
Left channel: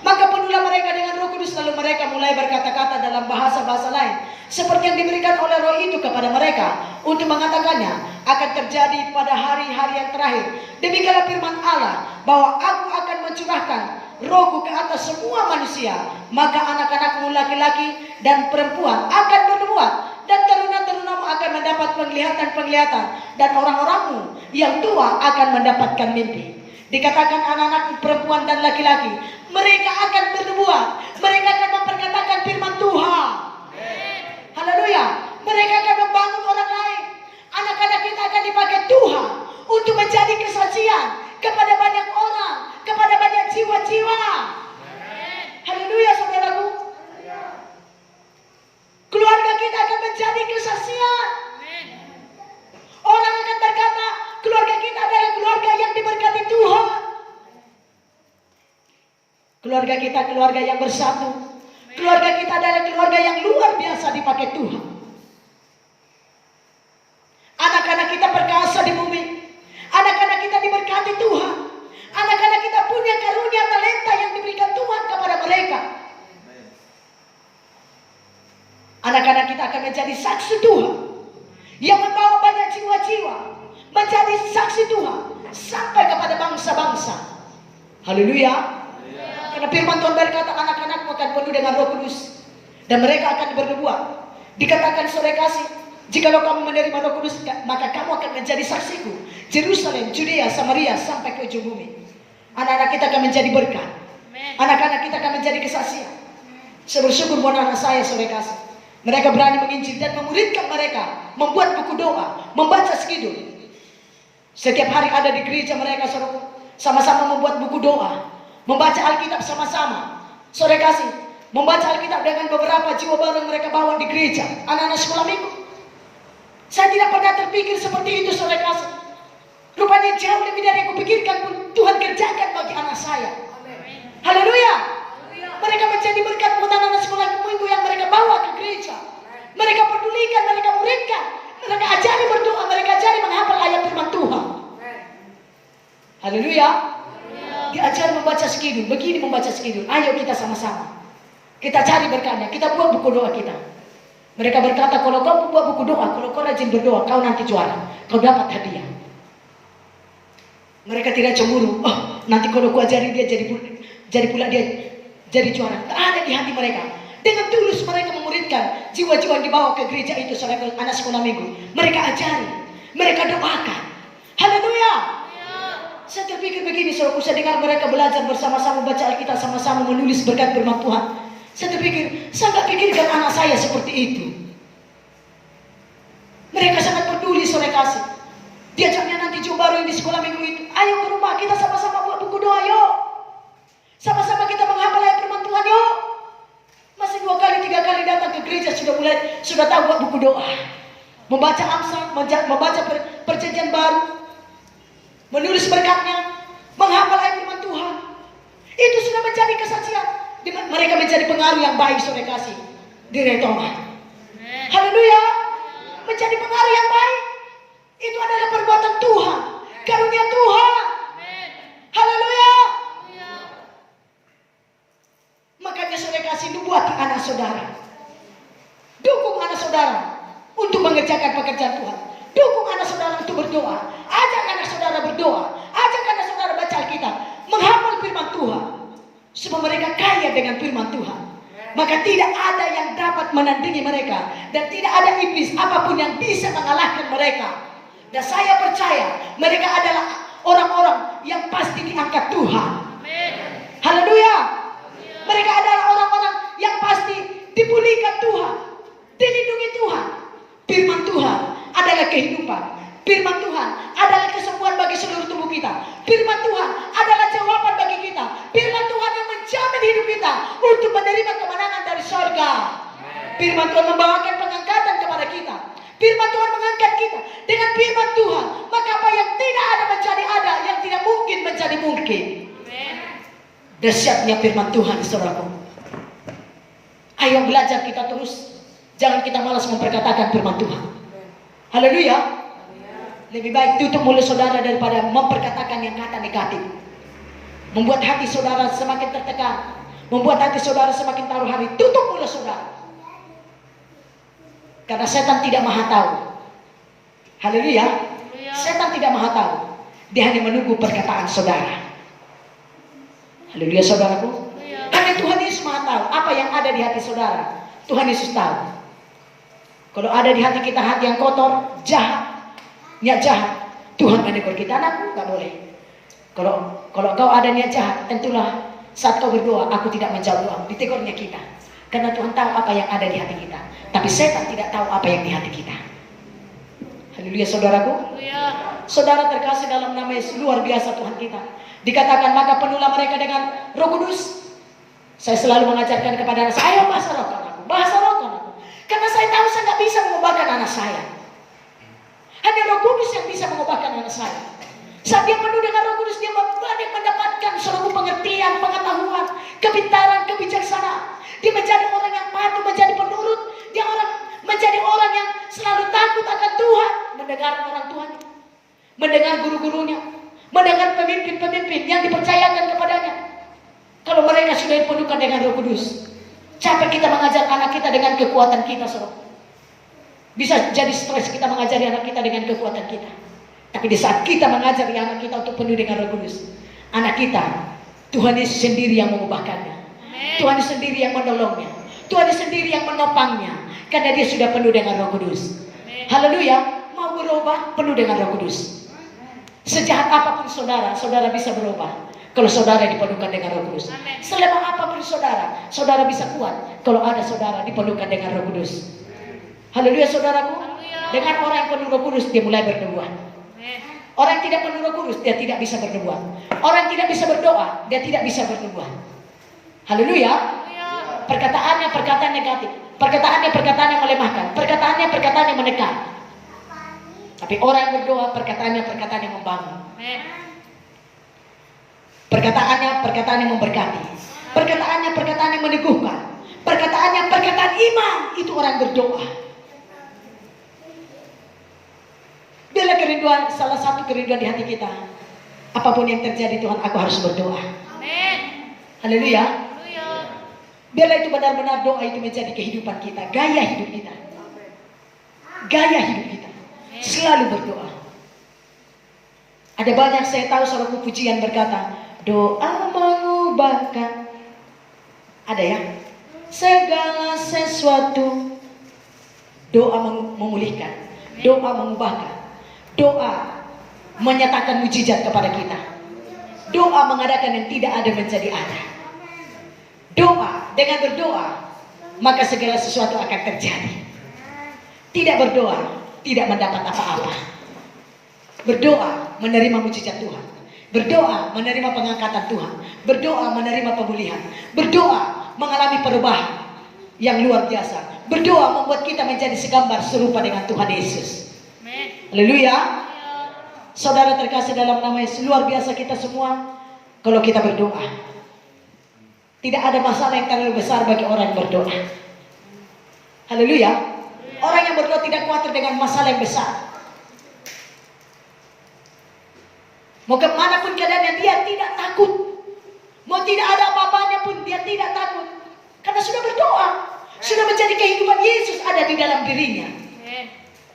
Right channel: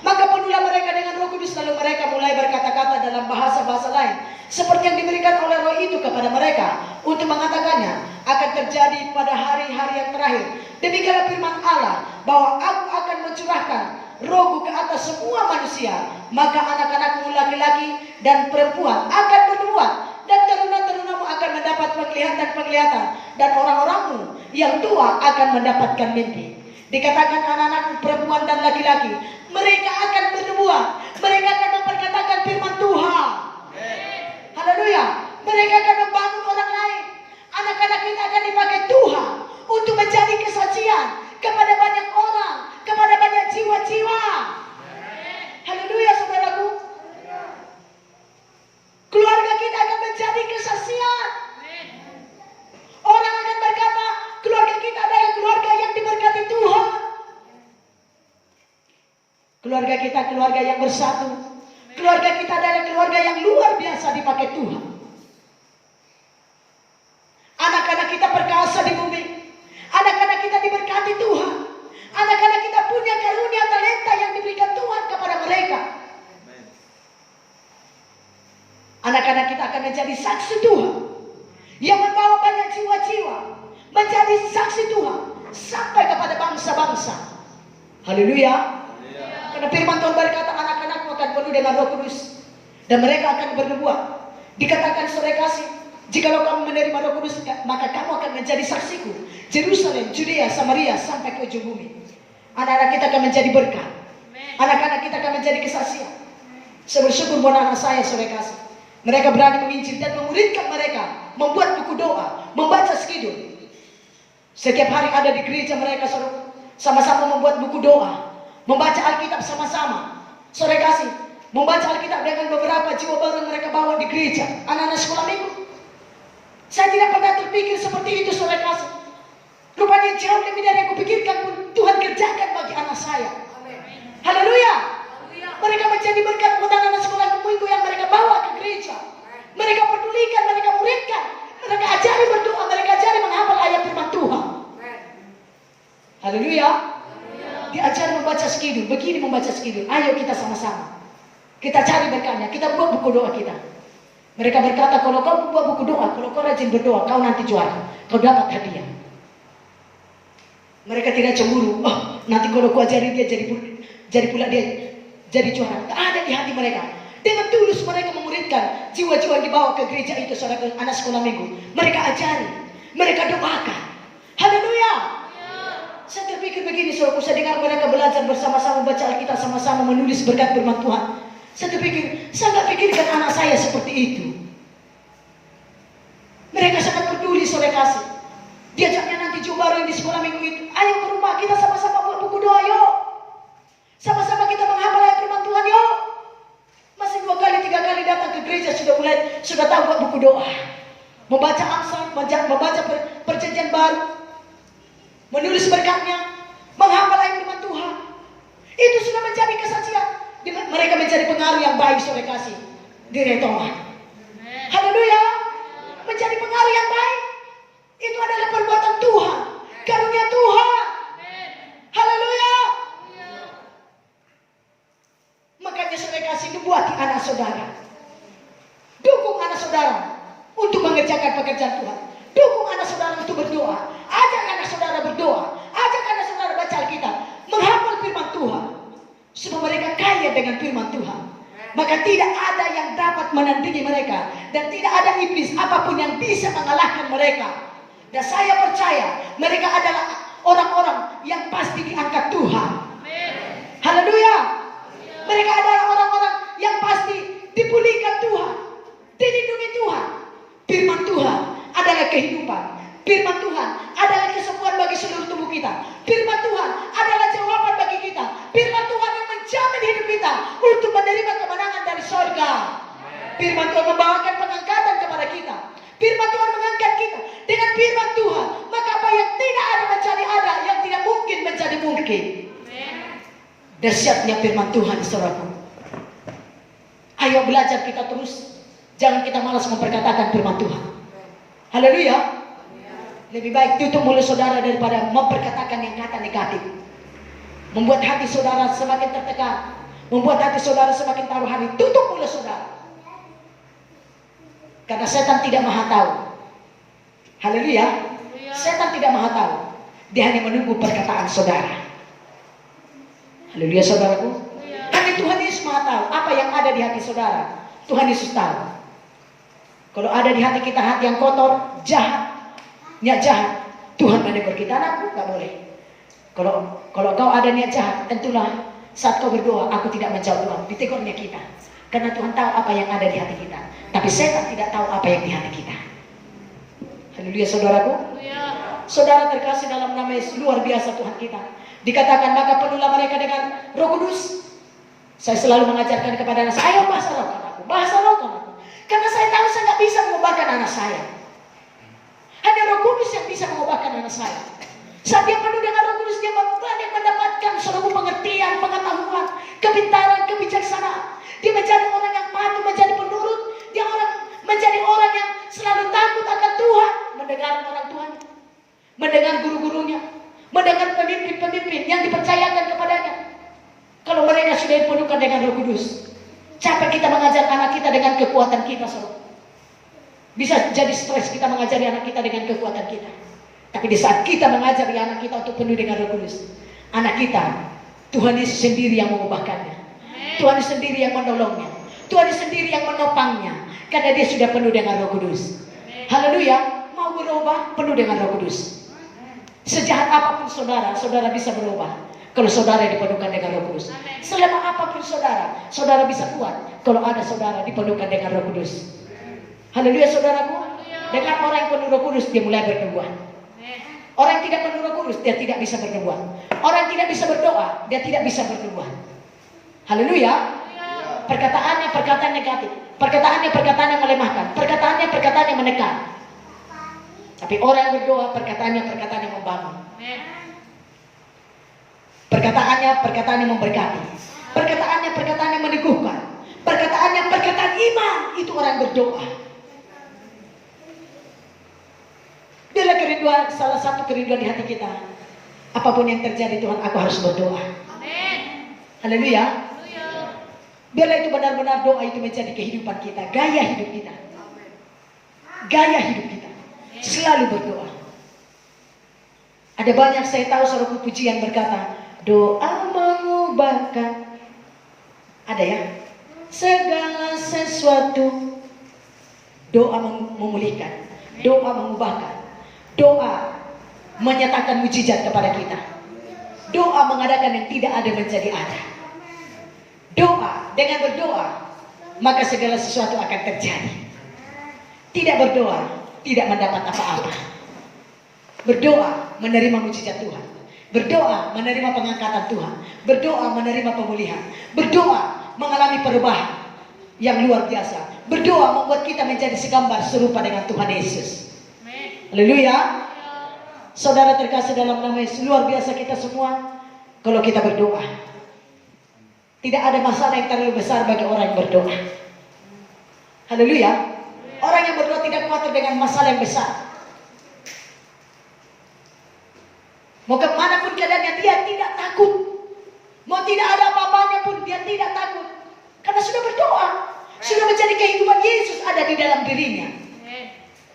Maka penuhlah mereka dengan Roh Kudus, lalu mereka mulai berkata-kata dalam bahasa-bahasa lain, seperti yang diberikan oleh Roh itu kepada mereka untuk mengatakannya. Akan terjadi pada hari-hari yang terakhir. Demikianlah firman Allah, bahwa aku akan mencurahkan Rohku ke atas semua manusia. Maka anak-anakmu laki-laki dan perempuan akan bernubuat, dan teruna-terunamu akan mendapat penglihatan-penglihatan, dan orang-orangmu yang tua akan mendapatkan mimpi. Dikatakan anak-anak perempuan dan laki-laki, mereka akan bernubuat, mereka akan memperkatakan firman Tuhan. Haleluya. Mereka akan membangun orang lain. Anak-anak kita akan dipakai Tuhan untuk menjadi kesaksian kepada banyak orang, kepada banyak jiwa-jiwa. Haleluya, saudaraku. Keluarga kita akan menjadi kesaksian. Orang akan berkata, keluarga kita adalah keluarga yang diberkati Tuhan. Keluarga kita keluarga yang bersatu. Keluarga kita adalah keluarga yang luar biasa dipakai Tuhan. Anak-anak kita perkasa di bumi. Anak-anak kita diberkati Tuhan. Anak-anak kita punya karunia talenta yang diberikan Tuhan kepada mereka. Anak-anak kita akan menjadi saksi Tuhan, yang membawa banyak jiwa-jiwa menjadi saksi Tuhan sampai kepada bangsa-bangsa. Haleluya. Karena firman Tuhan berkata, anak-anakmu akan penuh dengan Roh Kudus, dan mereka akan bernubuat. Dikatakan, saudara kasih, jikalau kamu menerima Roh Kudus, maka kamu akan menjadi saksiku. Jerusalem, Judea, Samaria, sampai ke ujung bumi. Anak-anak kita akan menjadi berkat. Anak-anak kita akan menjadi kesaksian. Bersyukur buat anak saya, saudara kasih. Mereka berani menginjil dan memuridkan mereka, membuat buku doa, membaca skidul. Setiap hari ada di gereja mereka, saudara, sama-sama membuat buku doa, membaca Alkitab sama-sama. Saudara kasih, membaca Alkitab dengan beberapa jiwa baru yang mereka bawa di gereja, anak-anak sekolah minggu. Saya tidak pernah terpikir seperti itu, saudara kasih. Rupanya jauh lebih dari yang kupikirkan pun Tuhan kerjakan bagi anak saya. Haleluya. Mereka menjadi berkat buat anak-anak sekolah minggu yang mereka bawa ke gereja. Mereka pedulikan, mereka muridkan, mereka ajari berdoa, mereka ajari menghafal ayat firman Tuhan. Haleluya. Diajari membaca skidul. Begini membaca skidul. Ayo kita sama-sama. Kita cari berkatnya. Kita buat buku doa kita. Mereka berkata, kalau kau buat buku doa, kalau kau rajin berdoa, kau nanti juara. Kau dapat hadiah. Mereka tidak cemburu. Oh, nanti kalau kau ajari dia jadi pula dia jadi juara. Tak ada di hati mereka. Dengan tulus mereka memuridkan jiwa-jiwa yang dibawa ke gereja itu, saudara, anak sekolah minggu. Mereka ajari, mereka doakan. Haleluya. Saya terpikir begini, saudara, saya dengar mereka belajar bersama-sama, baca Alkitab sama-sama, menulis berkat firman Tuhan. Saya terpikir, saya nggak pikirkan anak saya seperti itu. Mereka sangat peduli, saudara kasih. Diajaknya nanti jiwa baru yang di sekolah minggu itu. Ayo ke rumah, kita sama-sama buat buku doa, yuk. Sama-sama kita menghafal ayat firman Tuhan, yuk. sudah tahu buat buku doa, membaca Amsal, membaca perjanjian baru, menulis berkatnya, menghafal ayat firman Tuhan. Itu sudah menjadi kesaksian. Mereka menjadi pengaruh yang baik, saudara kasih di Retoma. Haleluya, menjadi pengaruh yang baik. Itu adalah perbuatan Tuhan, karunia Tuhan. Haleluya. Makanya saudara kasih, buat anak saudara, dukung anak saudara untuk mengerjakan pekerjaan Tuhan. Dukung anak saudara untuk berdoa. Ajak anak saudara berdoa. Ajak anak saudara baca Alkitab, menghafal firman Tuhan, supaya mereka kaya dengan firman Tuhan. Maka tidak ada yang dapat menandingi mereka, dan tidak ada iblis apapun yang bisa mengalahkan mereka. Dan saya percaya mereka adalah orang-orang yang pasti diangkat Tuhan. Haleluya. Mereka adalah orang-orang yang pasti dipulihkan Tuhan, dilindungi Tuhan. Firman Tuhan adalah kehidupan. Firman Tuhan adalah kesembuhan bagi seluruh tubuh kita. Firman Tuhan adalah jawaban bagi kita. Firman Tuhan yang menjamin hidup kita untuk menerima kemenangan dari surga. Firman Tuhan membawakan pengangkatan kepada kita. Firman Tuhan mengangkat kita. Dengan firman Tuhan, maka apa yang tidak ada menjadi ada, yang tidak mungkin menjadi mungkin. Dahsyatnya firman Tuhan, saudaraku. Ayo belajar kita terus. Jangan kita malas memperkatakan firman Tuhan. Haleluya. Lebih baik tutup mulut saudara daripada memperkatakan yang kata negatif. Membuat hati saudara semakin tertekan, membuat hati saudara semakin taruh hari. Tutup mulut saudara. Karena setan tidak maha tahu. Haleluya. Setan tidak maha tahu. Dia hanya menunggu perkataan saudara. Haleluya, saudaraku. Hanya Tuhan Yesus maha tahu apa yang ada di hati saudara. Tuhan Yesus tahu. Kalau ada di hati kita hati yang kotor, jahat, niat jahat, Tuhan menegur kita, anakku, gak boleh. Kalau kau ada niat jahat, tentulah saat kau berdoa, aku tidak menjawab doa. Ditegurnya kita. Karena Tuhan tahu apa yang ada di hati kita. Tapi setan tidak tahu apa yang di hati kita. Haleluya, saudaraku. Saudara terkasih dalam nama Yesus, luar biasa Tuhan kita. Dikatakan, maka penuhlah mereka dengan Roh Kudus. Saya selalu mengajarkan kepada anak saya, ayo bahasa roh anakku, bahasa roh anakku. Karena saya tahu saya nggak bisa mengubahkan anak saya. Hanya Roh Kudus yang bisa mengubahkan anak saya. Saat dia penuh dengan Roh Kudus, dia banyak mendapatkan seluruh pengertian, pengetahuan, kepintaran, kebijaksanaan. Dia menjadi orang yang patuh, menjadi penurut. Dia menjadi orang yang selalu takut akan Tuhan, mendengar orang Tuhan, mendengar guru-gurunya, mendengar pemimpin-pemimpin yang dipercayakan kepadanya. Kalau mereka sudah dipenuhkan dengan Roh Kudus, capek kita mengajar anak kita dengan kekuatan kita, saudara. Bisa jadi stres kita mengajari anak kita dengan kekuatan kita. Tapi di saat kita mengajari anak kita untuk penuh dengan Roh Kudus, anak kita, Tuhan Yesus sendiri yang mengubahkannya. Tuhan Yesus sendiri yang menolongnya. Tuhan Yesus sendiri yang menopangnya. Karena dia sudah penuh dengan Roh Kudus. Haleluya. Mau berubah, penuh dengan Roh Kudus. Sejahat apapun saudara, saudara bisa berubah kalau saudara dipenuhkan dengan Roh Kudus. Selemah apapun saudara, saudara bisa kuat kalau ada saudara dipenuhkan dengan Roh Kudus. Haleluya, saudaraku. Dengan orang yang penuh Roh Kudus, dia mulai bernubuat. Orang yang tidak penuh Roh Kudus, dia tidak bisa bernubuat. Orang yang tidak bisa berdoa, dia tidak bisa bernubuat. Haleluya. Perkataannya perkataan negatif, perkataannya perkataan yang melemahkan, perkataannya perkataan yang menekan. Tapi orang yang berdoa, perkataannya perkataan yang membangun. Perkataannya perkataan yang memberkati. Perkataannya perkataan yang meneguhkan. Perkataannya perkataan iman. Itu orang berdoa. Bila kerinduan, salah satu kerinduan di hati kita, apapun yang terjadi Tuhan, aku harus berdoa. Haleluya. Bila itu benar-benar doa itu menjadi kehidupan kita, gaya hidup kita. Gaya hidup kita. Selalu berdoa. Ada banyak saya tahu seorang pujian berkata, doa mengubahkan. Ada ya? Segala sesuatu. Doa memulihkan. Doa mengubahkan. Doa menyatakan mujizat kepada kita. Doa mengadakan yang tidak ada menjadi ada. Doa, dengan berdoa, maka segala sesuatu akan terjadi. Tidak berdoa, tidak mendapat apa-apa. Berdoa, menerima mujizat Tuhan. Berdoa, menerima pengangkatan Tuhan. Berdoa, menerima pemulihan. Berdoa, mengalami perubahan yang luar biasa. Berdoa membuat kita menjadi segambar serupa dengan Tuhan Yesus. Haleluya. Saudara terkasih dalam nama Yesus, luar biasa kita semua kalau kita berdoa. Tidak ada masalah yang terlalu besar bagi orang yang berdoa. Haleluya. Orang yang berdoa tidak khawatir dengan masalah yang besar. Mau kemanapun keadaannya dia tidak takut. Mau tidak ada apa-apanya pun dia tidak takut. Karena sudah berdoa. Sudah menjadi kehidupan Yesus ada di dalam dirinya.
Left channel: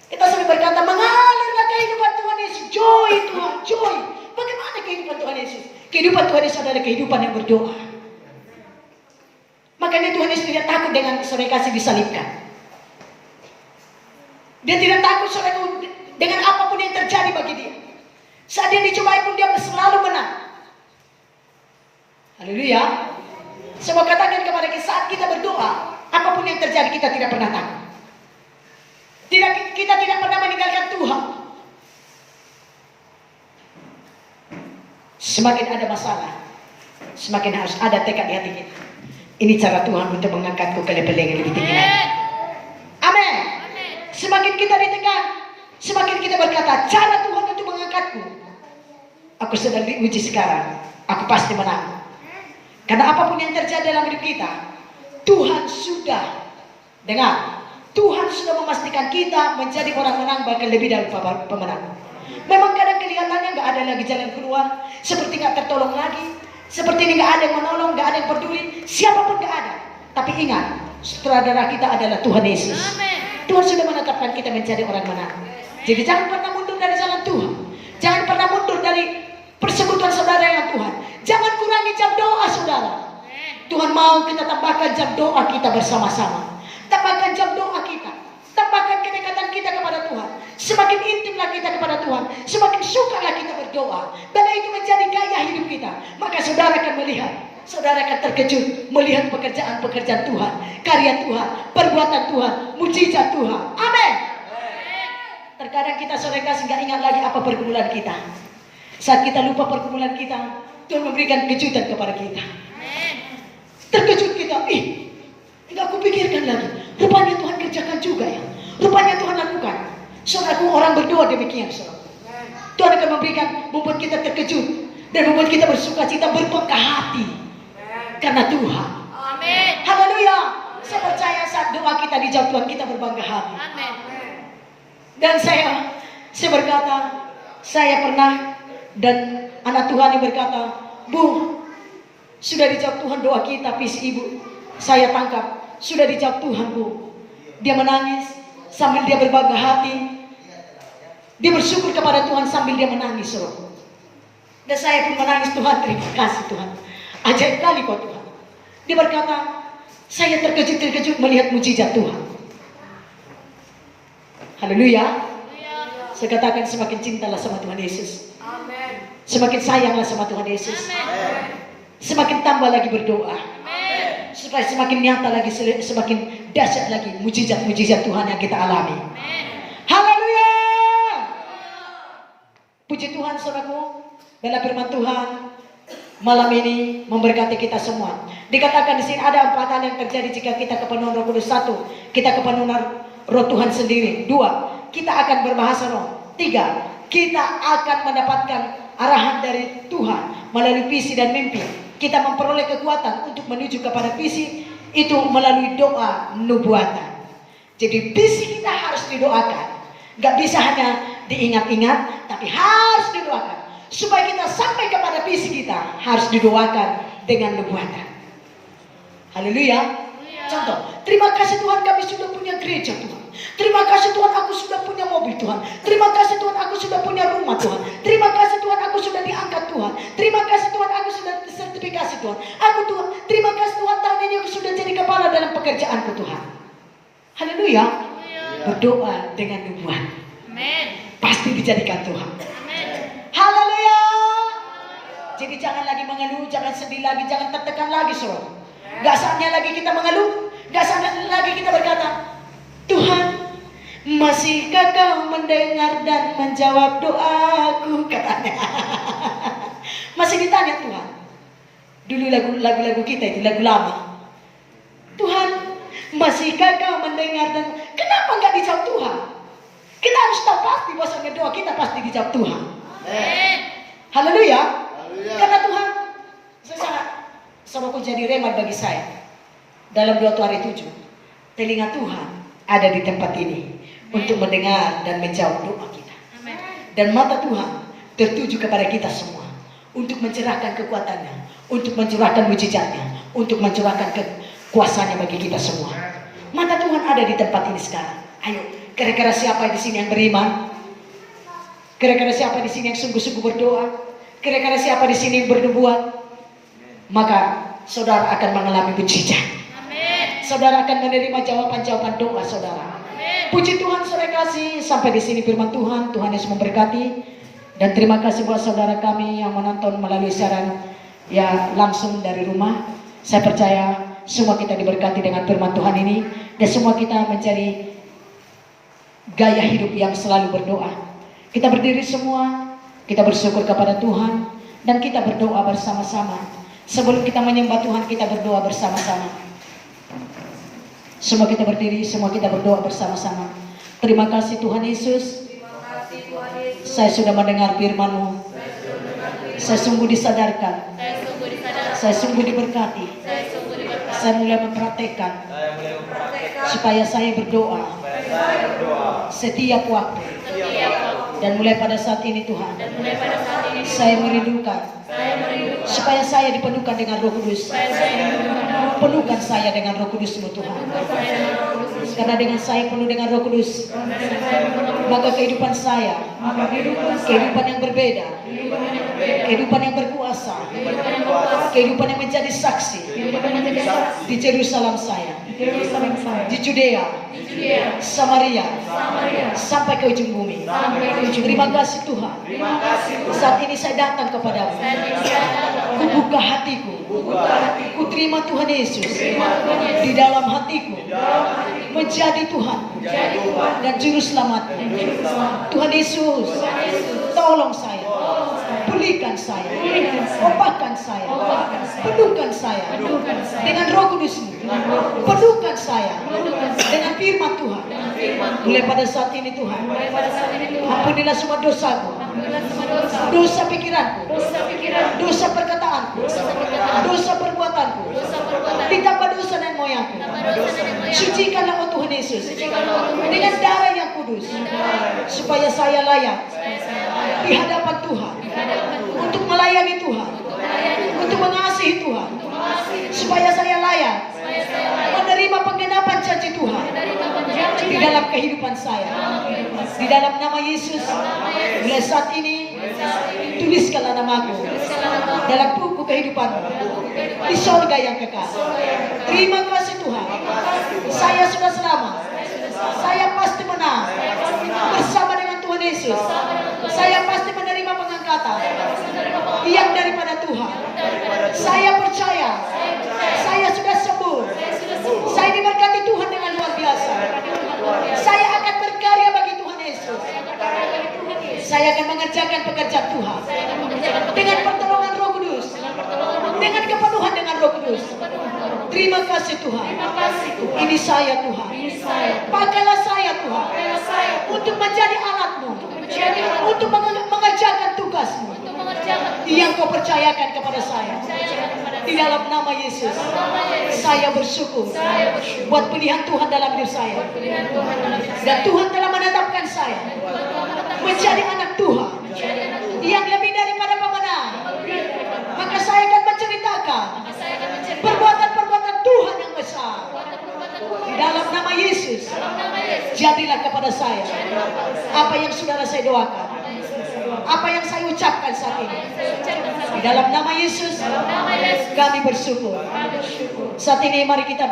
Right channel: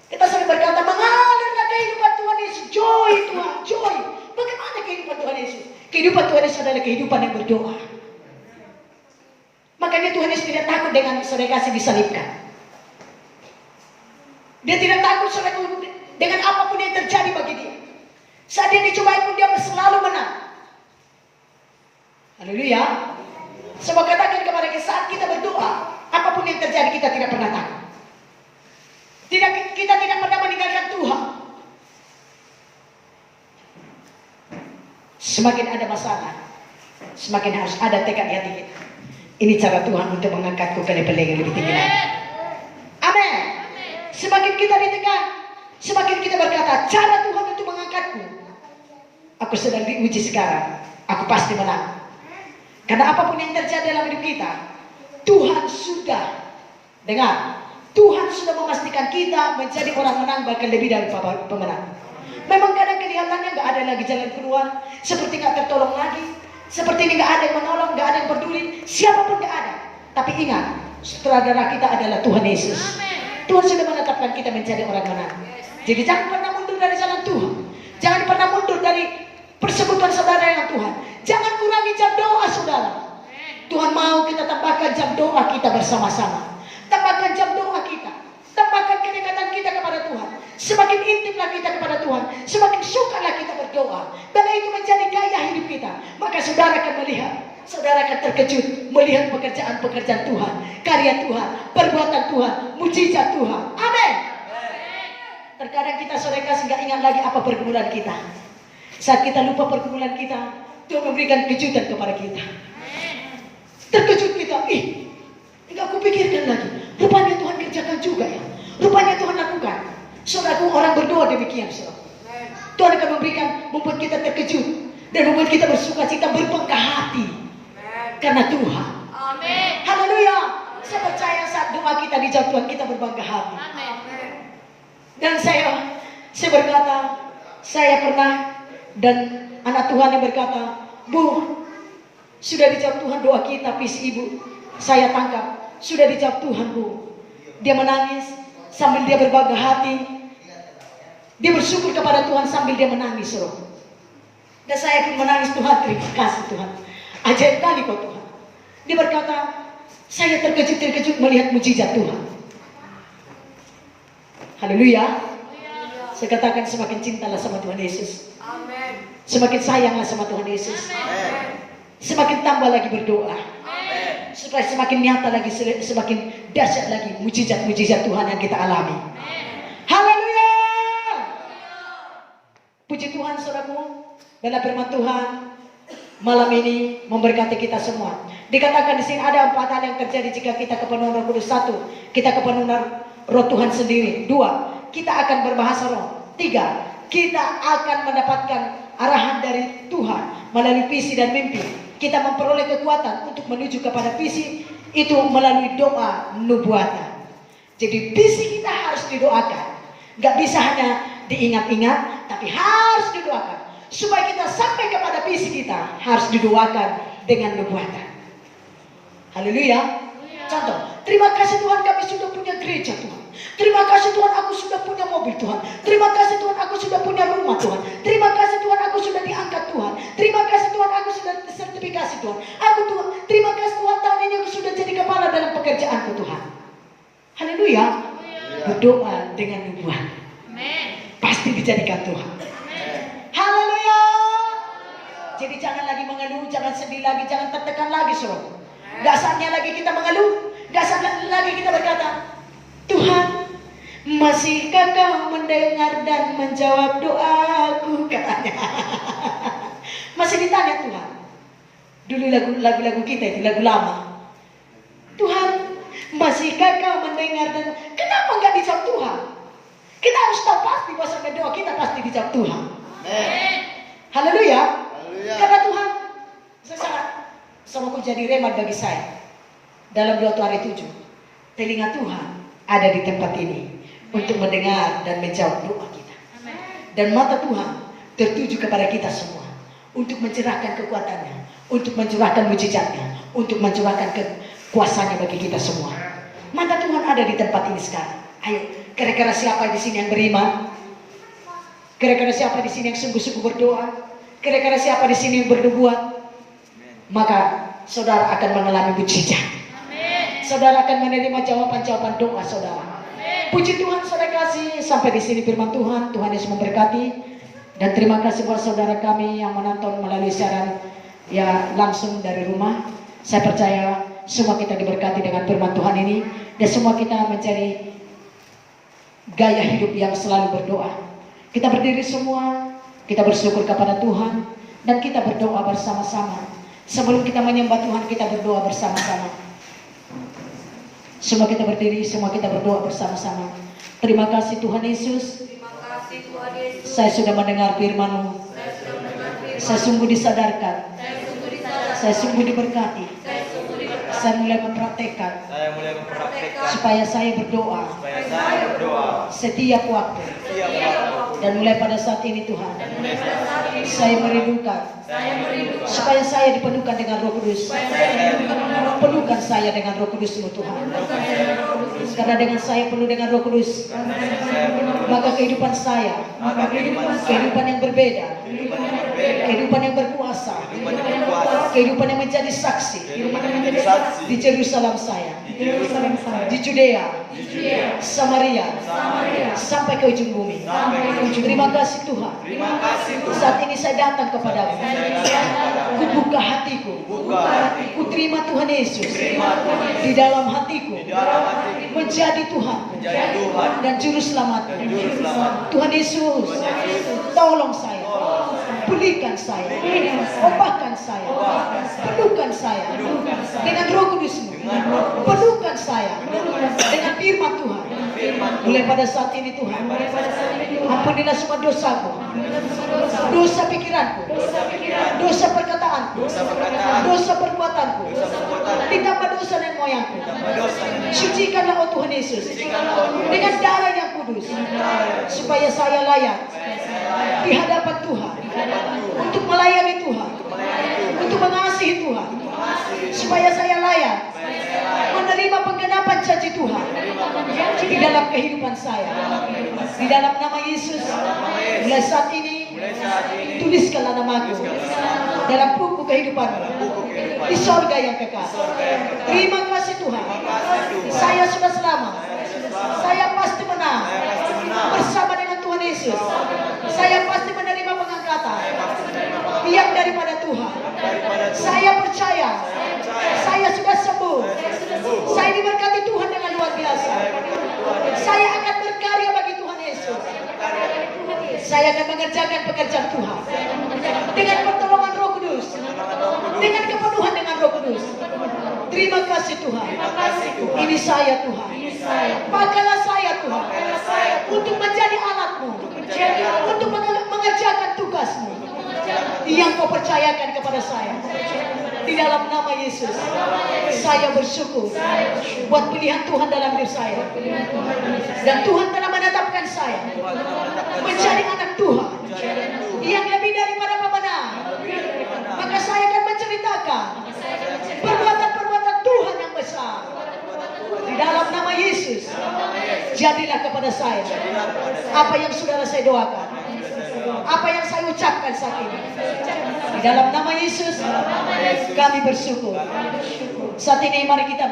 Kita sering berkata, mengalirlah kehidupan Tuhan Yesus. Joy Tuhan, joy. Bagaimana kehidupan Tuhan Yesus? Kehidupan Tuhan Yesus adalah kehidupan yang berdoa. Makanya Tuhan Yesus tidak takut dengan saudara kasih disalibkan. Dia tidak takut saudara dengan apapun yang terjadi bagi dia. Saat dia dicobai pun dia selalu menang. Haleluya. Saya mau katakan kepada kita, saat kita berdoa, apapun yang terjadi kita tidak pernah takut. Kita tidak pernah meninggalkan Tuhan. Semakin ada masalah, semakin harus ada tekad di hati kita. Ini cara Tuhan untuk mengangkatku ke level yang lebih tinggi lagi. Amin. Semakin kita ditekan, semakin kita berkata, cara Tuhan untuk mengangkatku. Aku sedang diuji sekarang, aku pasti menang. Karena apapun yang terjadi dalam hidup kita, Tuhan sudah dengar. Tuhan sudah memastikan kita menjadi orang menang, bahkan lebih dari pemenang. Memang kadang kelihatannya gak ada lagi jalan keluar, seperti gak tertolong lagi, seperti ini gak ada yang menolong, gak ada yang peduli, siapapun gak ada. Tapi ingat, sutradara kita adalah Tuhan Yesus. Tuhan sudah menetapkan kita menjadi orang menang. Jadi jangan pernah mundur dari jalan Tuhan. Jangan pernah mundur dari persekutuan saudara dengan Tuhan. Jangan kurangi jam doa saudara. Tuhan mau kita tambahkan jam doa kita bersama-sama. Tambahkan jam doa kita. Tambahkan kedekatan kita kepada Tuhan. Semakin intimlah kita kepada Tuhan, semakin sukalah kita berdoa. Bila itu menjadi gaya hidup kita, maka saudara akan melihat, saudara akan terkejut melihat pekerjaan-pekerjaan Tuhan, karya Tuhan, perbuatan Tuhan, mujizat Tuhan. Amin. Terkadang kita saudara kasih nggak ingat lagi apa pergumulan kita. Saat kita lupa pergumulan kita, Tuhan memberikan kejutan kepada kita. Terkejut kita, nggak kupikirkan lagi. Rupanya Tuhan kerjakan juga ya. Rupanya Tuhan lakukan. Saudaraku, orang berdoa demikian, saudara. Tuhan akan membuat kita terkejut dan membuat kita bersuka cita, berbangga hati karena Tuhan. Amin. Haleluya. Saya percaya saat doa kita dijawab Tuhan, kita berbangga hati. Amin. Dan saya berkata, saya pernah, dan anak Tuhan yang berkata, Bu, sudah dijawab Tuhan doa kita, visi ibu. Saya tangkap, sudah dijawab Tuhan, Bu. Dia menangis sambil dia berbangga hati. Dia bersyukur kepada Tuhan sambil dia menangis, saudara. Dan saya pun menangis, Tuhan, terima kasih Tuhan. Ajaib kali kau Tuhan. Dia berkata, saya terkejut melihat mujizat Tuhan. Haleluya. Saya katakan semakin cintalah sama Tuhan Yesus. Amen. Semakin sayanglah sama Tuhan Yesus. Amen. Semakin tambah lagi berdoa. Amen. Supaya semakin nyata lagi, semakin dahsyat lagi mujizat-mujizat Tuhan yang kita alami. Amen. Haleluya. Puji Tuhan saudaraku, dalam firman Tuhan malam ini memberkati kita semua. Dikatakan di sini ada 4 hal yang terjadi jika kita kepenuhan Roh Kudus. 1, kita kepenuhan Roh Tuhan sendiri. 2, kita akan berbahasa roh. 3, kita akan mendapatkan arahan dari Tuhan melalui visi dan mimpi. Kita memperoleh kekuatan untuk menuju kepada visi itu melalui doa nubuatan. Jadi visi kita harus didoakan. Gak bisa hanya diingat-ingat, tapi harus didoakan. Supaya kita sampai kepada visi kita, harus didoakan dengan nubuatan. Haleluya. Contoh, terima kasih Tuhan kami sudah punya gereja Tuhan. Terima kasih Tuhan aku sudah punya mobil Tuhan. Terima kasih Tuhan aku sudah punya rumah Tuhan. Terima kasih Tuhan aku sudah diangkat Tuhan. Terima kasih Tuhan aku sudah sertifikasi Tuhan. Tuhan, terima kasih Tuhan tahun ini aku sudah jadi kepala dalam pekerjaanku Tuhan. Haleluya. Berdoa dengan nubuat. Pasti dijadikan Tuhan. Haleluya. Jadi jangan lagi mengeluh, jangan sedih lagi, jangan tertekan lagi saudara. Gak saatnya lagi kita mengeluh, gak saatnya lagi kita berkata, Tuhan, masihkah kau mendengar dan menjawab doaku, katanya. Masih ditanya Tuhan. Dulu lagu-lagu kita itu lagu lama. Tuhan, masihkah kau mendengar dan kenapa nggak dijawab Tuhan? Kita harus tahu pasti bahwa doa kita pasti dijawab Tuhan. Haleluya. Karena Tuhan, saya sangat sama ku jadi remat bagi saya. Dalam 2 hari 7, telinga Tuhan ada di tempat ini untuk mendengar dan menjawab doa kita. Dan mata Tuhan tertuju kepada kita semua untuk mencurahkan kekuatannya, untuk mencurahkan mujizatnya, untuk mencurahkan kekuasaannya bagi kita semua. Mata Tuhan ada di tempat ini sekarang. Ayo, kira-kira siapa di sini yang beriman? Kira-kira siapa di sini yang sungguh-sungguh berdoa? Kira-kira siapa di sini yang bernubuat? Maka saudara akan mengalami mujizat. Saudara akan menerima jawaban-jawaban doa saudara. Puji Tuhan, saudara kasih, sampai di sini firman Tuhan. Tuhan Yesus memberkati. Dan terima kasih buat saudara kami yang menonton melalui siaran ya langsung dari rumah. Saya percaya semua kita diberkati dengan firman Tuhan ini, dan semua kita mencari gaya hidup yang selalu berdoa. Kita berdiri semua, kita bersyukur kepada Tuhan, dan kita berdoa bersama-sama. Sebelum kita menyembah Tuhan, kita berdoa bersama-sama. Semua kita berdiri, semua kita berdoa bersama-sama. Terima kasih Tuhan Yesus. Saya sudah mendengar firman-Mu. Saya sungguh disadarkan. Saya sungguh diberkati. Saya mulai mempraktekkan supaya saya berdoa setiap waktu. Dan mulai pada saat ini Tuhan, saya merindukan supaya saya dipenuhkan dengan Roh Kudus. Penuhkan saya dengan Roh Kudus-Mu Tuhan. Karena dengan saya penuh dengan Roh Kudus, maka kehidupan saya, kehidupan yang berbeda, kehidupan yang berkuasa, kehidupan yang menjadi saksi di Yerusalem saya, di Judea, Samaria, sampai ke ujung bumi. Terima kasih Tuhan. Saat ini saya datang kepadamu. Ku buka hatiku. Ku terima Tuhan Yesus di dalam hatiku menjadi Tuhan dan Juru Selamatku. Tuhan Yesus, tolong saya, pulihkan saya, obahkan saya, penuhkan saya dengan Roh Kudus-Mu, penuhkan saya dengan firman Tuhan. Mulai pada saat ini Tuhan, ampunilah semua dosaku, dosa pikiranku, dosa perkataanku, dosa perbuatanku, ditambah dosa dan moyangku. Sucikanlah oh Tuhan Yesus dengan darah yang kudus, supaya saya layak di hadapan Tuhan, untuk melayani Tuhan, untuk mengasihi Tuhan, supaya saya layak menerima penggenapan janji Tuhan di dalam kehidupan saya. Di dalam nama Yesus, mulai saat ini tuliskanlah namaku dalam buku kehidupanmu di surga yang kekal. Terima kasih Tuhan, saya sudah selamat, saya pasti menang bersama dengan Tuhan Yesus. Saya pasti menerima pengangkatan yang daripada Tuhan. Saya percaya saya sudah sembuh. Saya diberkati Tuhan dengan luar biasa. Saya akan berkarya bagi Tuhan Yesus. Saya akan mengerjakan pekerjaan Tuhan dengan pertolongan Roh Kudus, dengan kepenuhan dengan Roh Kudus. Terima kasih Tuhan. Ini saya Tuhan. Pakailah saya Tuhan untuk menjadi alat-Mu, untuk mengerjakan tugas-Mu yang Kau percayakan kepada saya. Di dalam nama Yesus, saya bersyukur buat pilihan Tuhan dalam hidup saya. Dan Tuhan telah menetapkan saya menjadi anak Tuhan yang lebih daripada pemenang. Maka saya akan menceritakan perbuatan-perbuatan Tuhan yang besar. Di dalam nama Yesus, jadilah kepada saya apa yang saudara saya doakan, apa yang saya ucapkan saat ini. Di dalam nama Yesus, kami bersyukur. Saat ini mari kita